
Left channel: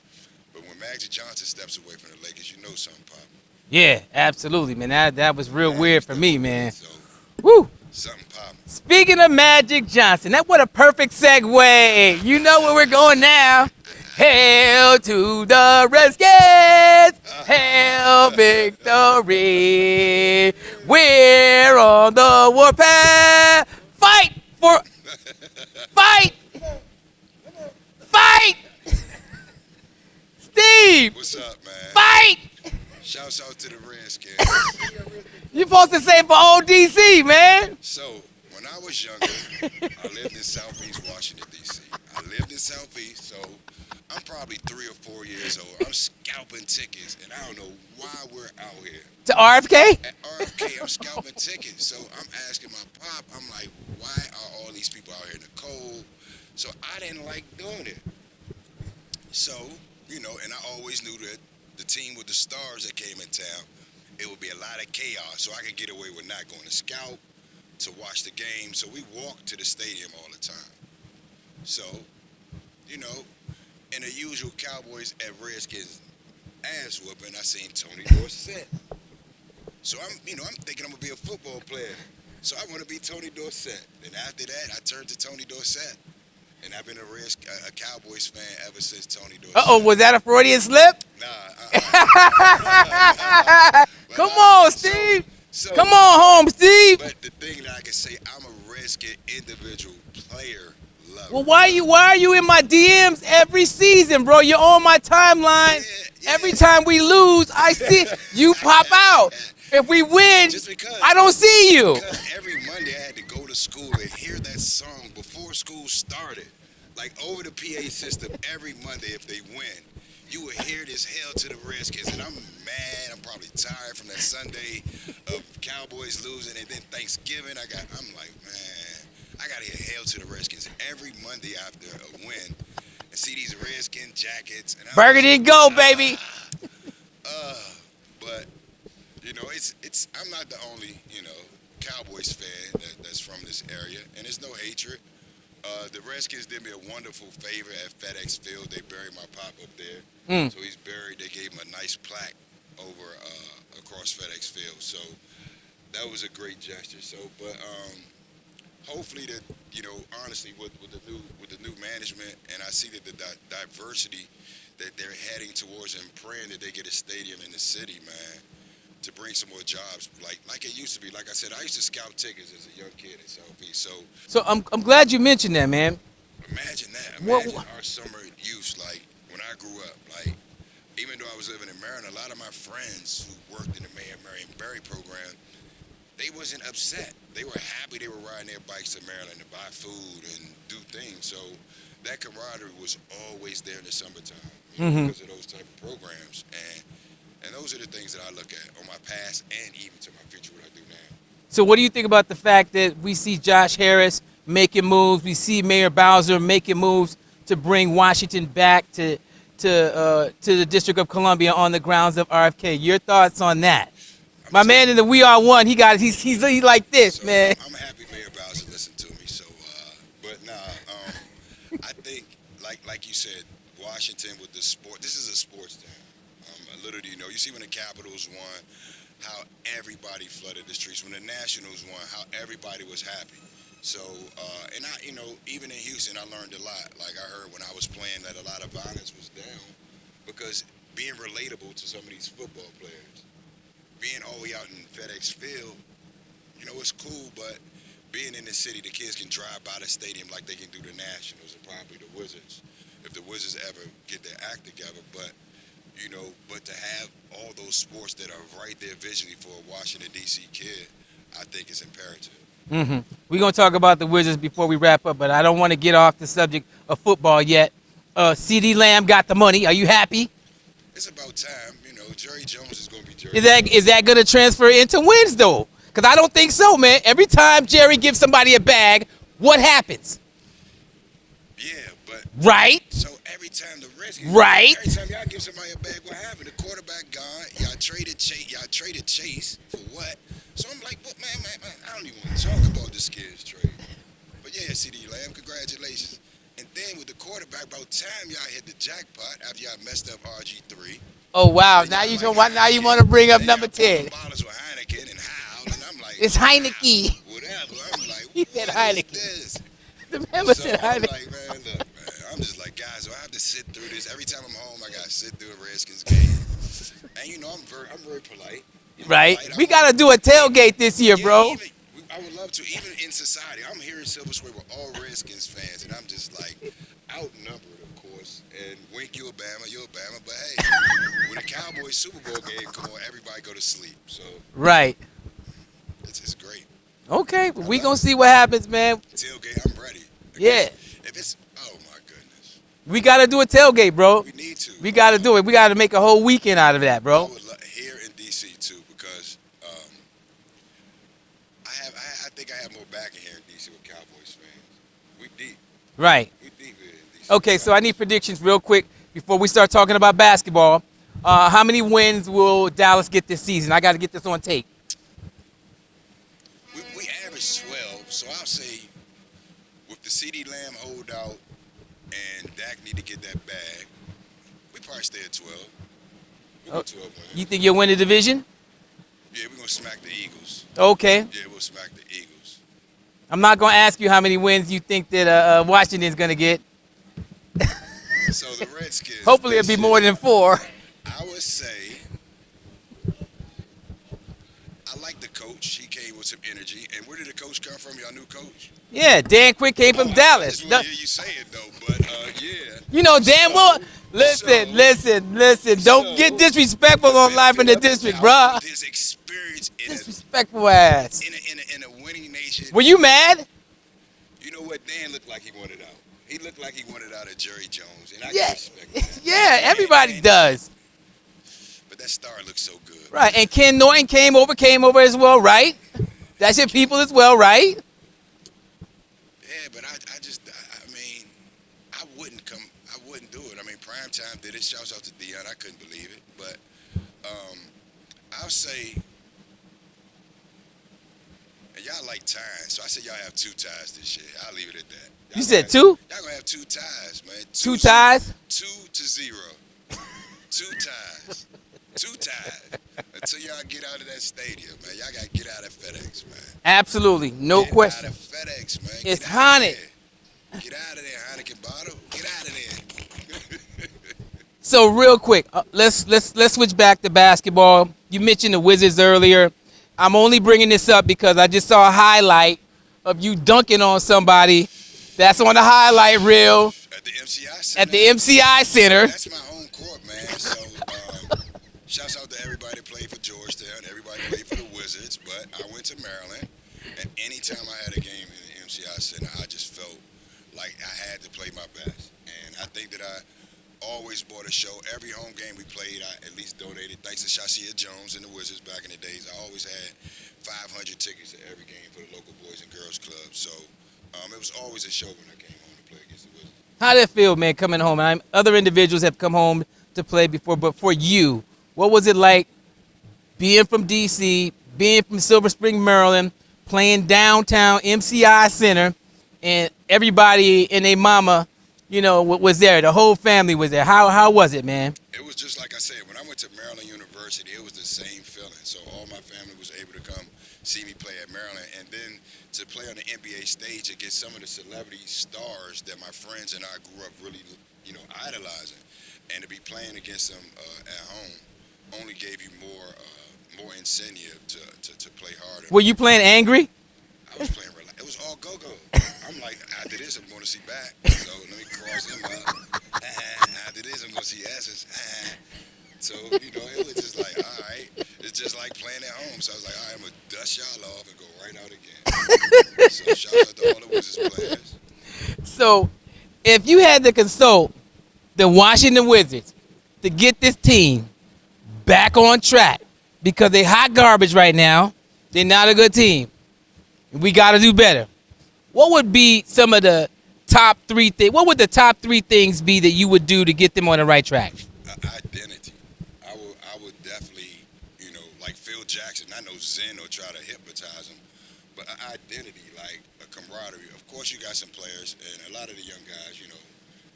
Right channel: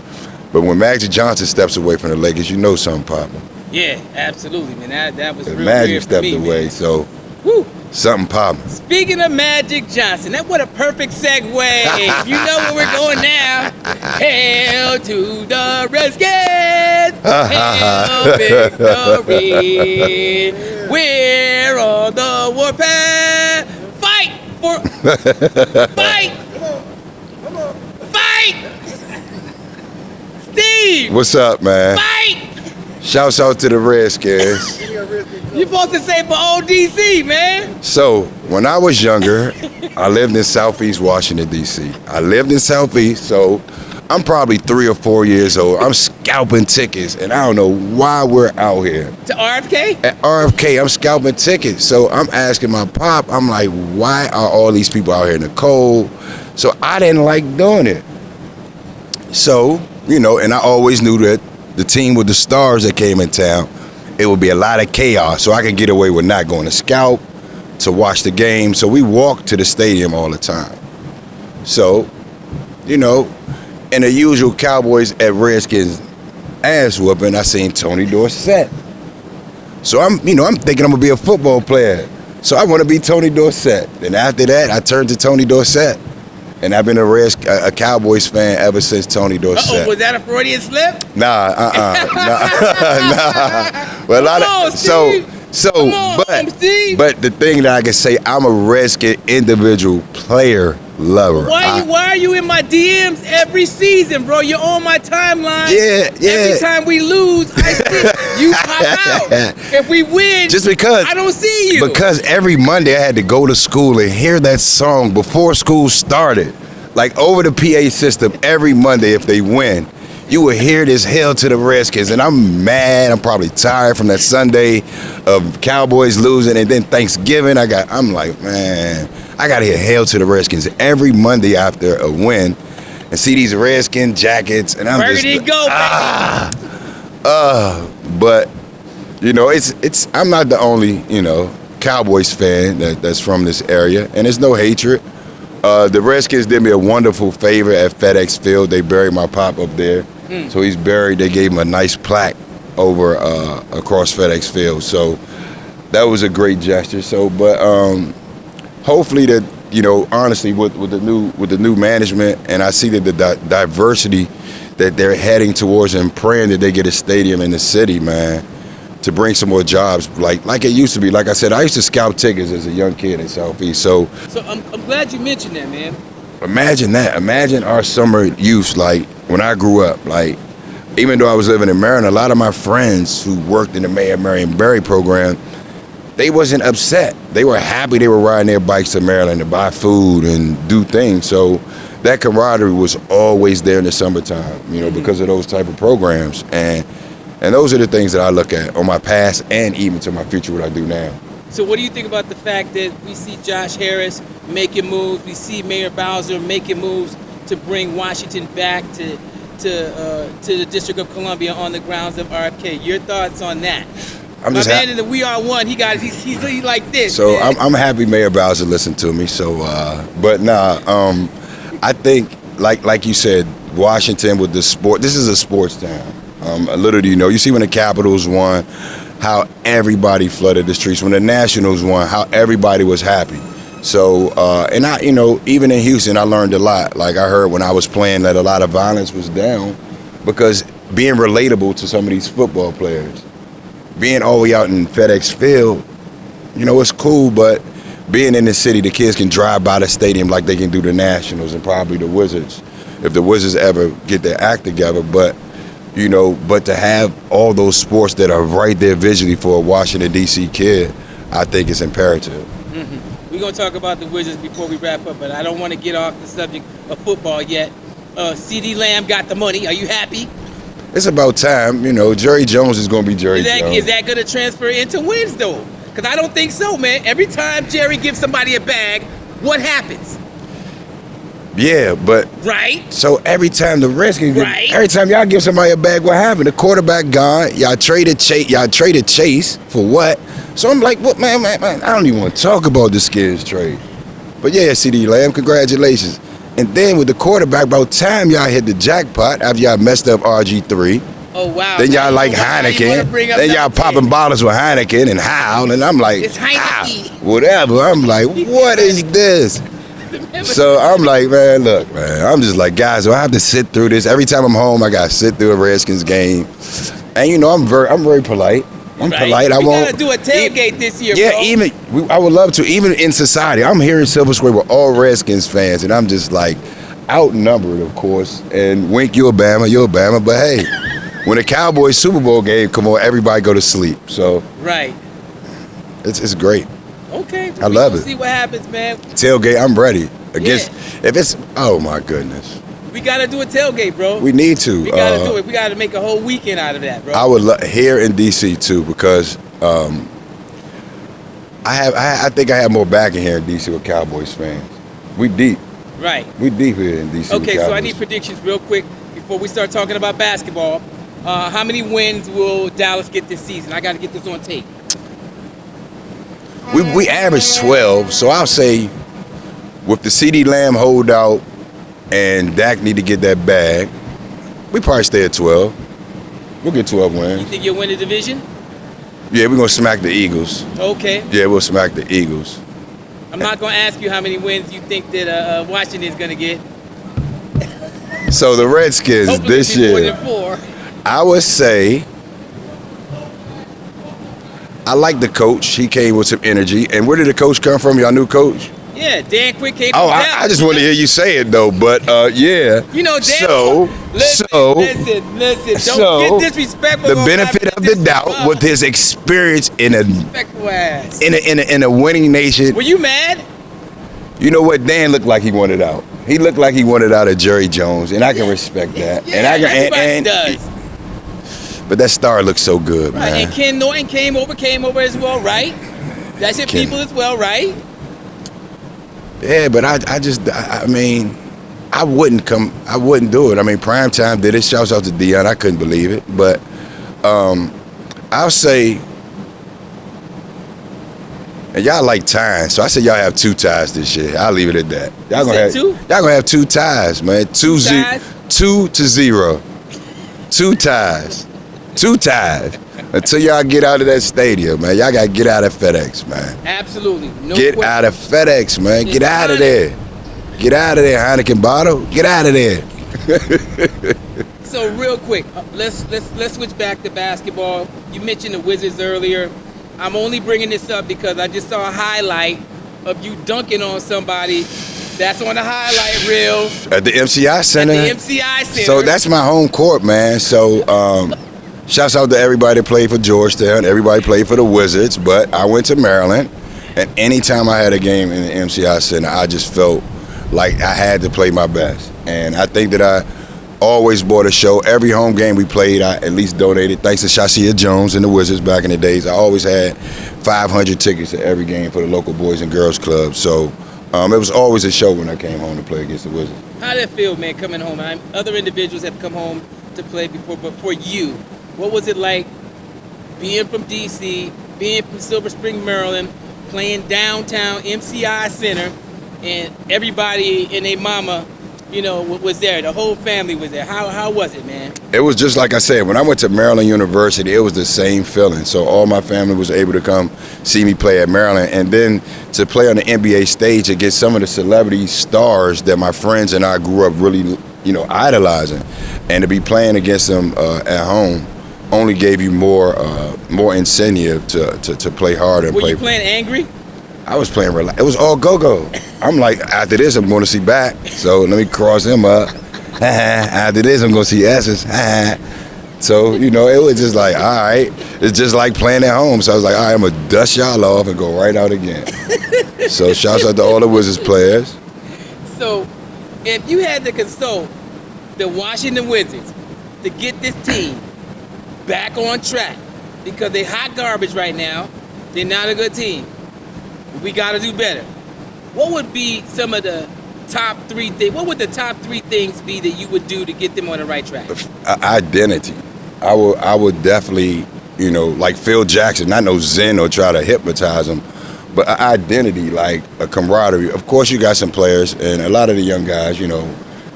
But when Magic Johnson steps away from the Lakers, you know something popping. Yeah, absolutely, man. That was real Magic weird for stepped me, away, man. so Woo. something popping. Speaking of Magic Johnson, what a perfect segue. You know where we're going now. Hail to the Redskins. Hail victory. We're on the warpath. Fight for fight. Fight. Steve. What's up, man? Fight. Shouts out to the Redskins. You supposed to say for old DC, man. So, when I was younger, I lived in Southeast Washington, D.C. I lived in Southeast, so I'm probably 3 or 4 years old. I'm scalping tickets, and I don't know why we're out here. To RFK? At RFK, I'm scalping tickets. So I'm asking my pop, I'm like, why are all these people out here in the cold? So I didn't like doing it. So, you know, and I always knew that the team with the stars that came in town, it would be a lot of chaos. So I could get away with not going to scalp, to watch the game. So we walked to the stadium all the time. So, you know, in the usual Cowboys at Redskins ass whooping, I seen Tony Dorsett. So I'm thinking I'm gonna be a football player. So I want to be Tony Dorsett. And after that, I turned to Tony Dorsett. And I've been a Cowboys fan ever since Tony Dorsett. Uh-oh, was that a Freudian slip? Nah. Well, Come on, Steve. Come on, home, Steve. But the thing that I can say, I'm a Redskin individual player lover. Why are you in my DMs every season, bro? You're on my timeline. Yeah. Every time we lose, I see you pop out. If we win, just because I don't see you. Because every Monday I had to go to school and hear that song before school started. Like over the PA system, every Monday if they win, you will hear this Hail to the Redskins. And I'm mad. I'm probably tired from that Sunday of Cowboys losing. And then Thanksgiving, I'm like, man, I got to hear Hail to the Redskins every Monday after a win and see these Redskin jackets. And I'm Burgundy just, go, baby. But, you know, I'm not the only, you know, Cowboys fan that's from this area. And there's no hatred. The Redskins did me a wonderful favor at FedEx Field. They buried my pop up there. So he's buried. They gave him a nice plaque over across FedEx Field. So that was a great gesture. So, but hopefully that, you know, honestly, with the new management, and I see that the diversity that they're heading towards, and praying that they get a stadium in the city, man, to bring some more jobs like it used to be. Like I said, I used to scout tickets as a young kid in Southeast. So I'm glad you mentioned that, man. Imagine that. Imagine our summer youth, like when I grew up. Like, even though I was living in Maryland, a lot of my friends who worked in the Mayor Marion Barry program, they wasn't upset. They were happy. They were riding their bikes to Maryland to buy food and do things. So that camaraderie was always there in the summertime, you know, because of those type of programs. And those are the things that I look at on my past and even to my future, what I do now. So what do you think about the fact that we see Josh Harris making moves, we see Mayor Bowser making moves to bring Washington back to the District of Columbia on the grounds of RFK? Your thoughts on that? My man in the We Are One, he's like this. So man. I'm happy Mayor Bowser listened to me. So, but I think like you said, Washington with the sport. This is a sports town. A little do you know. You see when the Capitals won, how everybody flooded the streets. When the Nationals won, how everybody was happy. So, and I, you know, even in Houston, I learned a lot. Like I heard when I was playing that a lot of violence was down because being relatable to some of these football players, being all the way out in FedEx Field, you know, it's cool, but being in the city, the kids can drive by the stadium like they can do the Nationals and probably the Wizards, if the Wizards ever get their act together. But, you know, but to have all those sports that are right there visually for a Washington, D.C. kid, I think it's imperative. We're going to talk about the Wizards before we wrap up, but I don't want to get off the subject of football yet. C.D. Lamb got the money. Are you happy? It's about time. You know, Jerry Jones is going to be Jerry Jones. Is that going to transfer into wins, though? Because I don't think so, man. Every time Jerry gives somebody a bag, what happens? Yeah, but Right? so every time the Redskins, Right. every time y'all give somebody a bag, what happened? The quarterback gone. Y'all traded Chase for what? So I'm like, what, man? I don't even want to talk about the Skins trade. But yeah, CD Lamb, congratulations. And then with the quarterback, about time y'all hit the jackpot after y'all messed up RG3. Oh, wow. Then Now y'all you like know why- now you wanna bring Heineken. up Then y'all number 10. popping bottles with Heineken and Howl, and I'm like, It's Heineken. whatever. I'm like, what is this? So I'm like, man, look, man. I'm just like, guys, do I have to sit through this? Every time I'm home, I gotta sit through a Redskins game. And you know, I'm very polite. I'm Right? polite. I We won't. gotta do a tailgate this year, Yeah, bro. I would love to. Even in society, I'm here in Silver Square with all Redskins fans, and I'm just like outnumbered, of course. And Wink, you're Bama. But hey, when the Cowboys Super Bowl game come on, everybody go to sleep. So Right. it's great. Okay. I we love gonna it. see what happens, man. Tailgate, I'm ready. If it's, oh my goodness, We gotta do a tailgate, bro. we need to. We gotta do it. We gotta make a whole weekend out of that, bro. I would here in DC too, because I think I have more backing here in DC with Cowboys fans. We deep Right. here in DC. Okay, with so I Cowboys. need predictions real quick before we start talking about basketball. How many wins will Dallas get this season? I got to get this on tape. We averaged 12, so I'll say with the CD Lamb holdout and Dak need to get that bag, we probably stay at 12. We'll get 12 You wins. think you'll win the division? Yeah, we're gonna smack the Eagles. Okay. Yeah, we'll smack the Eagles. I'm not going to ask you how many wins you think that Washington is going to get. So the Redskins Hopefully this it'll be more year, than 4. I would say, I like the coach. He came with some energy. And where did the coach come from? Y'all new coach? Yeah, Dan Quick came Oh, from Dallas. I just want to hear you say it though. But yeah. You know, Dan So, listen. Don't so, get disrespectful the on benefit Hyper of the Edition, doubt bruh. with his experience in a Disrespectful ass. in a winning nation. Were you mad? You know what? Dan looked like he wanted out. He looked like he wanted out of Jerry Jones, and I can Yeah. respect that. Yeah, and I can, everybody does. But that star looks so good, Right, man. and Ken Norton came over as well, right? That's your Ken. people as well, right? Yeah, but I mean, I wouldn't do it. I mean, Primetime did it. Shouts out to Dion. I couldn't believe it. But I'll say, and y'all like ties, so I say y'all have 2 ties this year. I'll leave it at that. Y'all You gonna said have 2? Y'all gonna have 2 ties, man. 2 ties? 2 to 0. 2 ties. 2 ties. Until y'all get out of that stadium, man. Y'all gotta get out of FedEx, man. Absolutely, no Get question. out of FedEx, man. It's Get out of Heineken. there. Get out of there, Heineken bottle. Get out of there. So real quick, let's switch back to basketball. You mentioned the Wizards earlier. I'm only bringing this up because I just saw a highlight of you dunking on somebody. That's on the highlight reel At the MCI Center. at the MCI Center. So that's my home court, man. So shouts out to everybody that played for Georgetown. Everybody played for the Wizards. But I went to Maryland. And anytime I had a game in the MCI Center, I just felt like I had to play my best. And I think that I always bought a show. Every home game we played, I at least donated. Thanks to Shasia Jones and the Wizards back in the days. I always had 500 tickets to every game for the local Boys and Girls Club. So it was always a show when I came home to play against the Wizards. How did it feel, man, coming home? Other individuals have come home to play before, but for you, what was it like being from D.C., being from Silver Spring, Maryland, playing downtown MCI Center, and everybody and their mama, you know, was there. The whole family was there. How was it, man? It was just like I said, when I went to Maryland University, it was the same feeling. So all my family was able to come see me play at Maryland. And then to play on the NBA stage against some of the celebrity stars that my friends and I grew up really, idolizing. And to be playing against them at home only gave you more incentive to play harder. Were you playing angry? I was playing relax. It was all go-go. I'm like, after this, I'm going to see back. So let me cross him up. After this, I'm going to see S's. So, it was just like, all right. It's just like playing at home. So I was like, all right, I'm going to dust y'all off and go right out again. So shouts out to all the Wizards players. So if you had to consult the Washington Wizards to get this team back on track, because they're hot garbage right now, They're not a good team. We got to do better. What would be some of the top 3 things? What would the top 3 things be that you would do to get them on the right track? Identity. I would definitely, like Phil Jackson, not no Zen or try to hypnotize him, but identity, like a camaraderie. Of course, you got some players, and a lot of the young guys,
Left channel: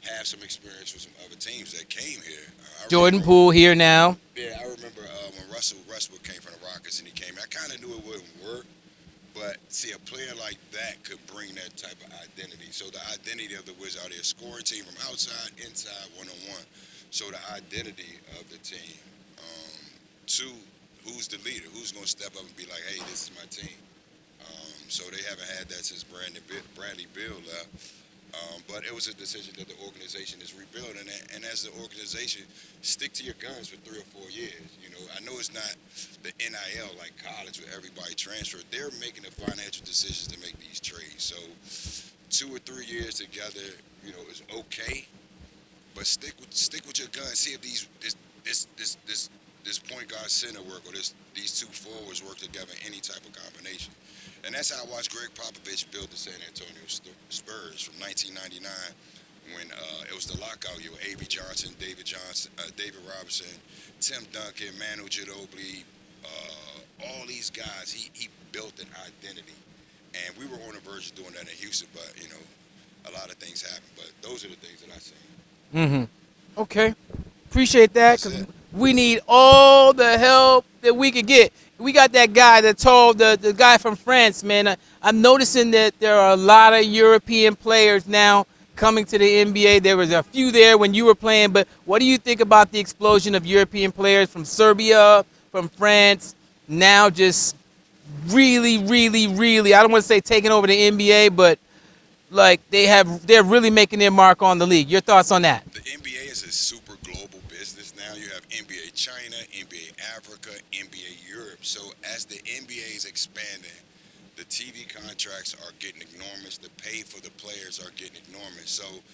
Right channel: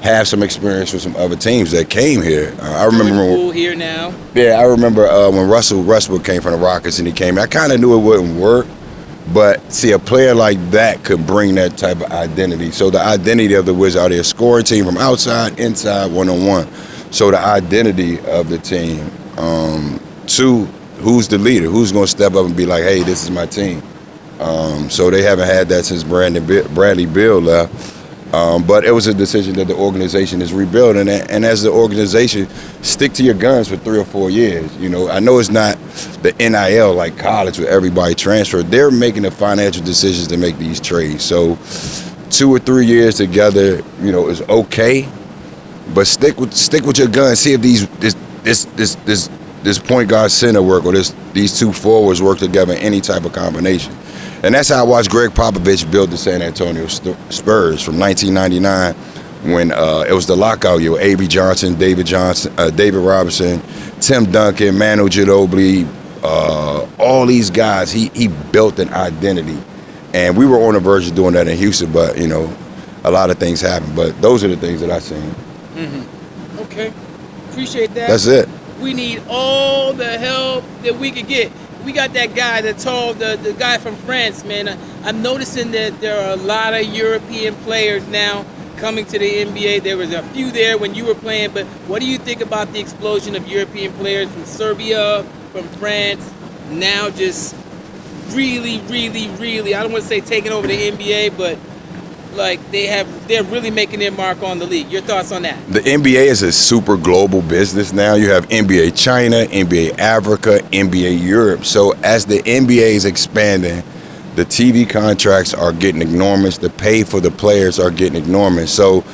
have some experience with some other teams that came here. I remember Poole here now. Yeah, I remember when Russell Westbrook came from the Rockets and he came. I kind of knew it wouldn't work, but see, a player like that could bring that type of identity. So the identity of the Wizards, are they a scoring team from outside, inside, one-on-one? So the identity of the team. 2, who's the leader? Who's going to step up and be like, hey, this is my team? So they haven't had that since Bradley Beal left. But it was a decision that the organization is rebuilding, and as the organization, stick to your guns for 3 or 4 years. I know it's not the NIL like college where everybody transferred. They're making the financial decisions to make these trades. So 2 or 3 years together, is okay, but stick with your guns. See if this point guard center work or these 2 forwards work together in any type of combination. And that's how I watched Greg Popovich build the San Antonio Spurs from 1999 when it was the lockout year. A.B. Johnson, David Robinson, Tim Duncan, Manu Ginobili, all these guys. He built an identity. And we were on the verge of doing that in Houston, but, a lot of things happened. But those are the things that I've seen. Mm-hmm. Okay. Appreciate that. That's it. We need all the help that we could get. We got that guy the guy from France, man. I'm noticing that there are a lot of European players now coming to the NBA. There was a few there when you were playing, but what do you think about the explosion of European players from Serbia, from France, now just really, really, really, I don't want to say taking over the NBA, but like they're really making their mark on the league. Your thoughts on that? The NBA is a super global business now. You have NBA China, NBA Africa, NBA Europe. So as the NBA is expanding, the TV contracts are getting enormous. The pay for the players are getting enormous. So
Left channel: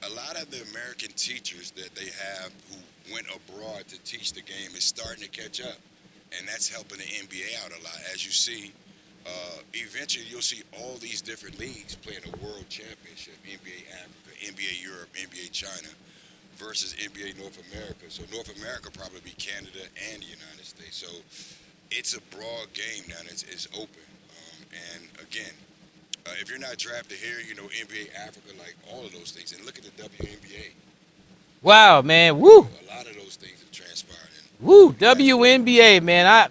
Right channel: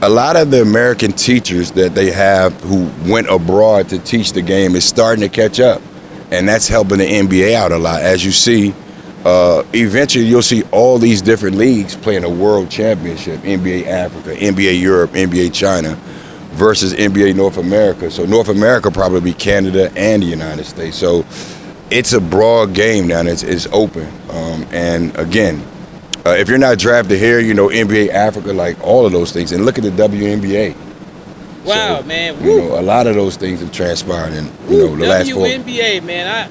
a lot of the American teachers that they have who went abroad to teach the game is starting to catch up. And that's helping the NBA out a lot. As you see, eventually you'll see all these different leagues playing a world championship, NBA Africa, NBA Europe, NBA China, versus NBA North America. So North America probably be Canada and the United States. So it's a broad game now, and it's open. And again, if you're not drafted here, NBA Africa, like all of those things. And look at the WNBA. Wow, so, man. Woo. A lot of those things have transpired in the last 4 WNBA, man.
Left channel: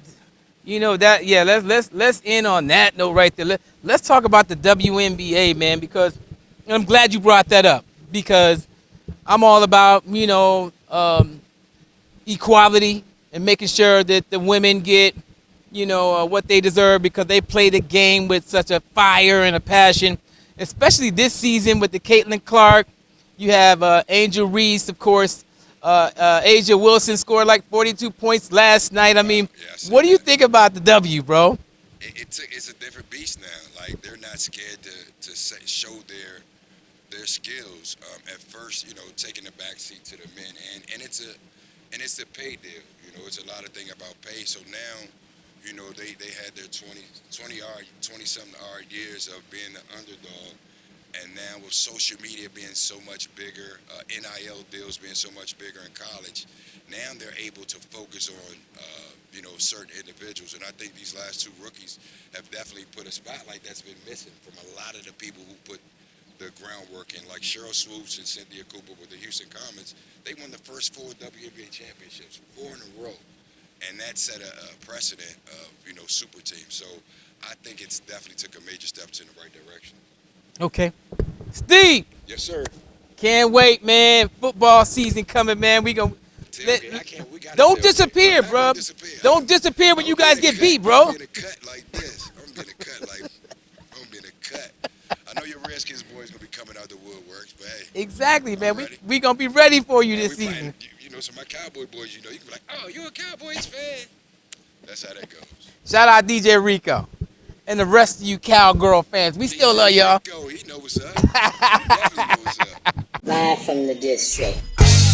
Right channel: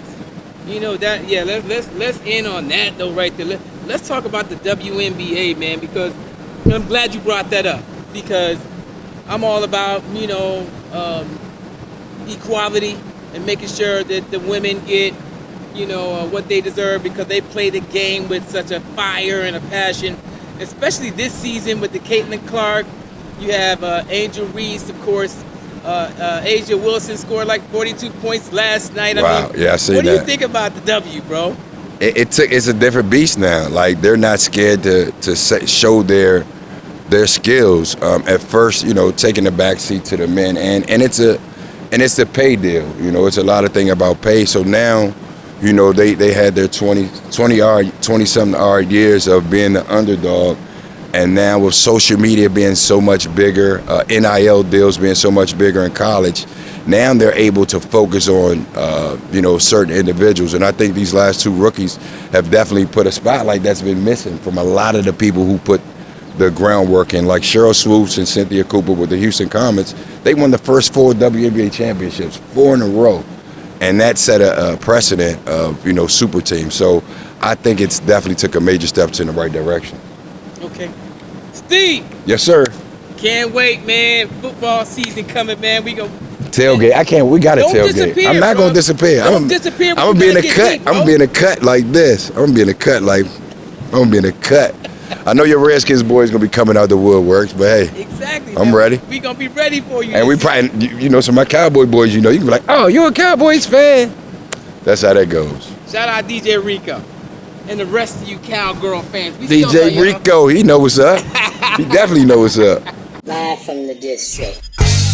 Let's end on that note right there. Let's talk about the WNBA, man, because I'm glad you brought that up, because I'm all about, equality and making sure that the women get, what they deserve, because they play the game with such a fire and a passion, especially this season with the Caitlin Clark. You have Angel Reese, of course. Asia Wilson scored like 42 points last night. Wow. I mean, yeah, I see what that. do you think about the W, bro? It's a different beast now. Like, they're not scared to show their skills. At first, taking the backseat to the men, and it's a pay deal. It's a lot of thing about pay. So now, they had their 20-something odd years of being the underdog. And now with social media being so much bigger, NIL deals being so much bigger in college, now they're able to focus on, certain individuals. And I think these last 2 rookies have definitely put a spotlight that's been missing from a lot of the people who put the groundwork in, like Cheryl Swoops and Cynthia Cooper with the Houston Comets. They won the first 4 WNBA championships, 4 in a row. And that set a precedent of, super teams. So I think it's definitely took a major steps in the right direction. Okay. Steve. Yes, sir. Can't wait, man. Football season coming, man. We gonna tailgate. We got to tailgate. Don't disappear. I'm not going to disappear. Don't disappear when I'm you gonna guys be in get a cut. beat, bro. I'm going to be in a cut like this. I'm going to be in a cut like, I'm going to be in a cut. I know your Redskins boys going to be coming out the woodworks, but hey. Exactly, I'm man. ready. We going to be ready for you. And we probably, some of my Cowboy boys, you can be like, oh, you're a Cowboys fan. That's how that goes. Shout out DJ Rico and the rest of you Cowgirl fans. We still love DJ y'all. Rico, he know what's up. He definitely know what's up. Live from the district.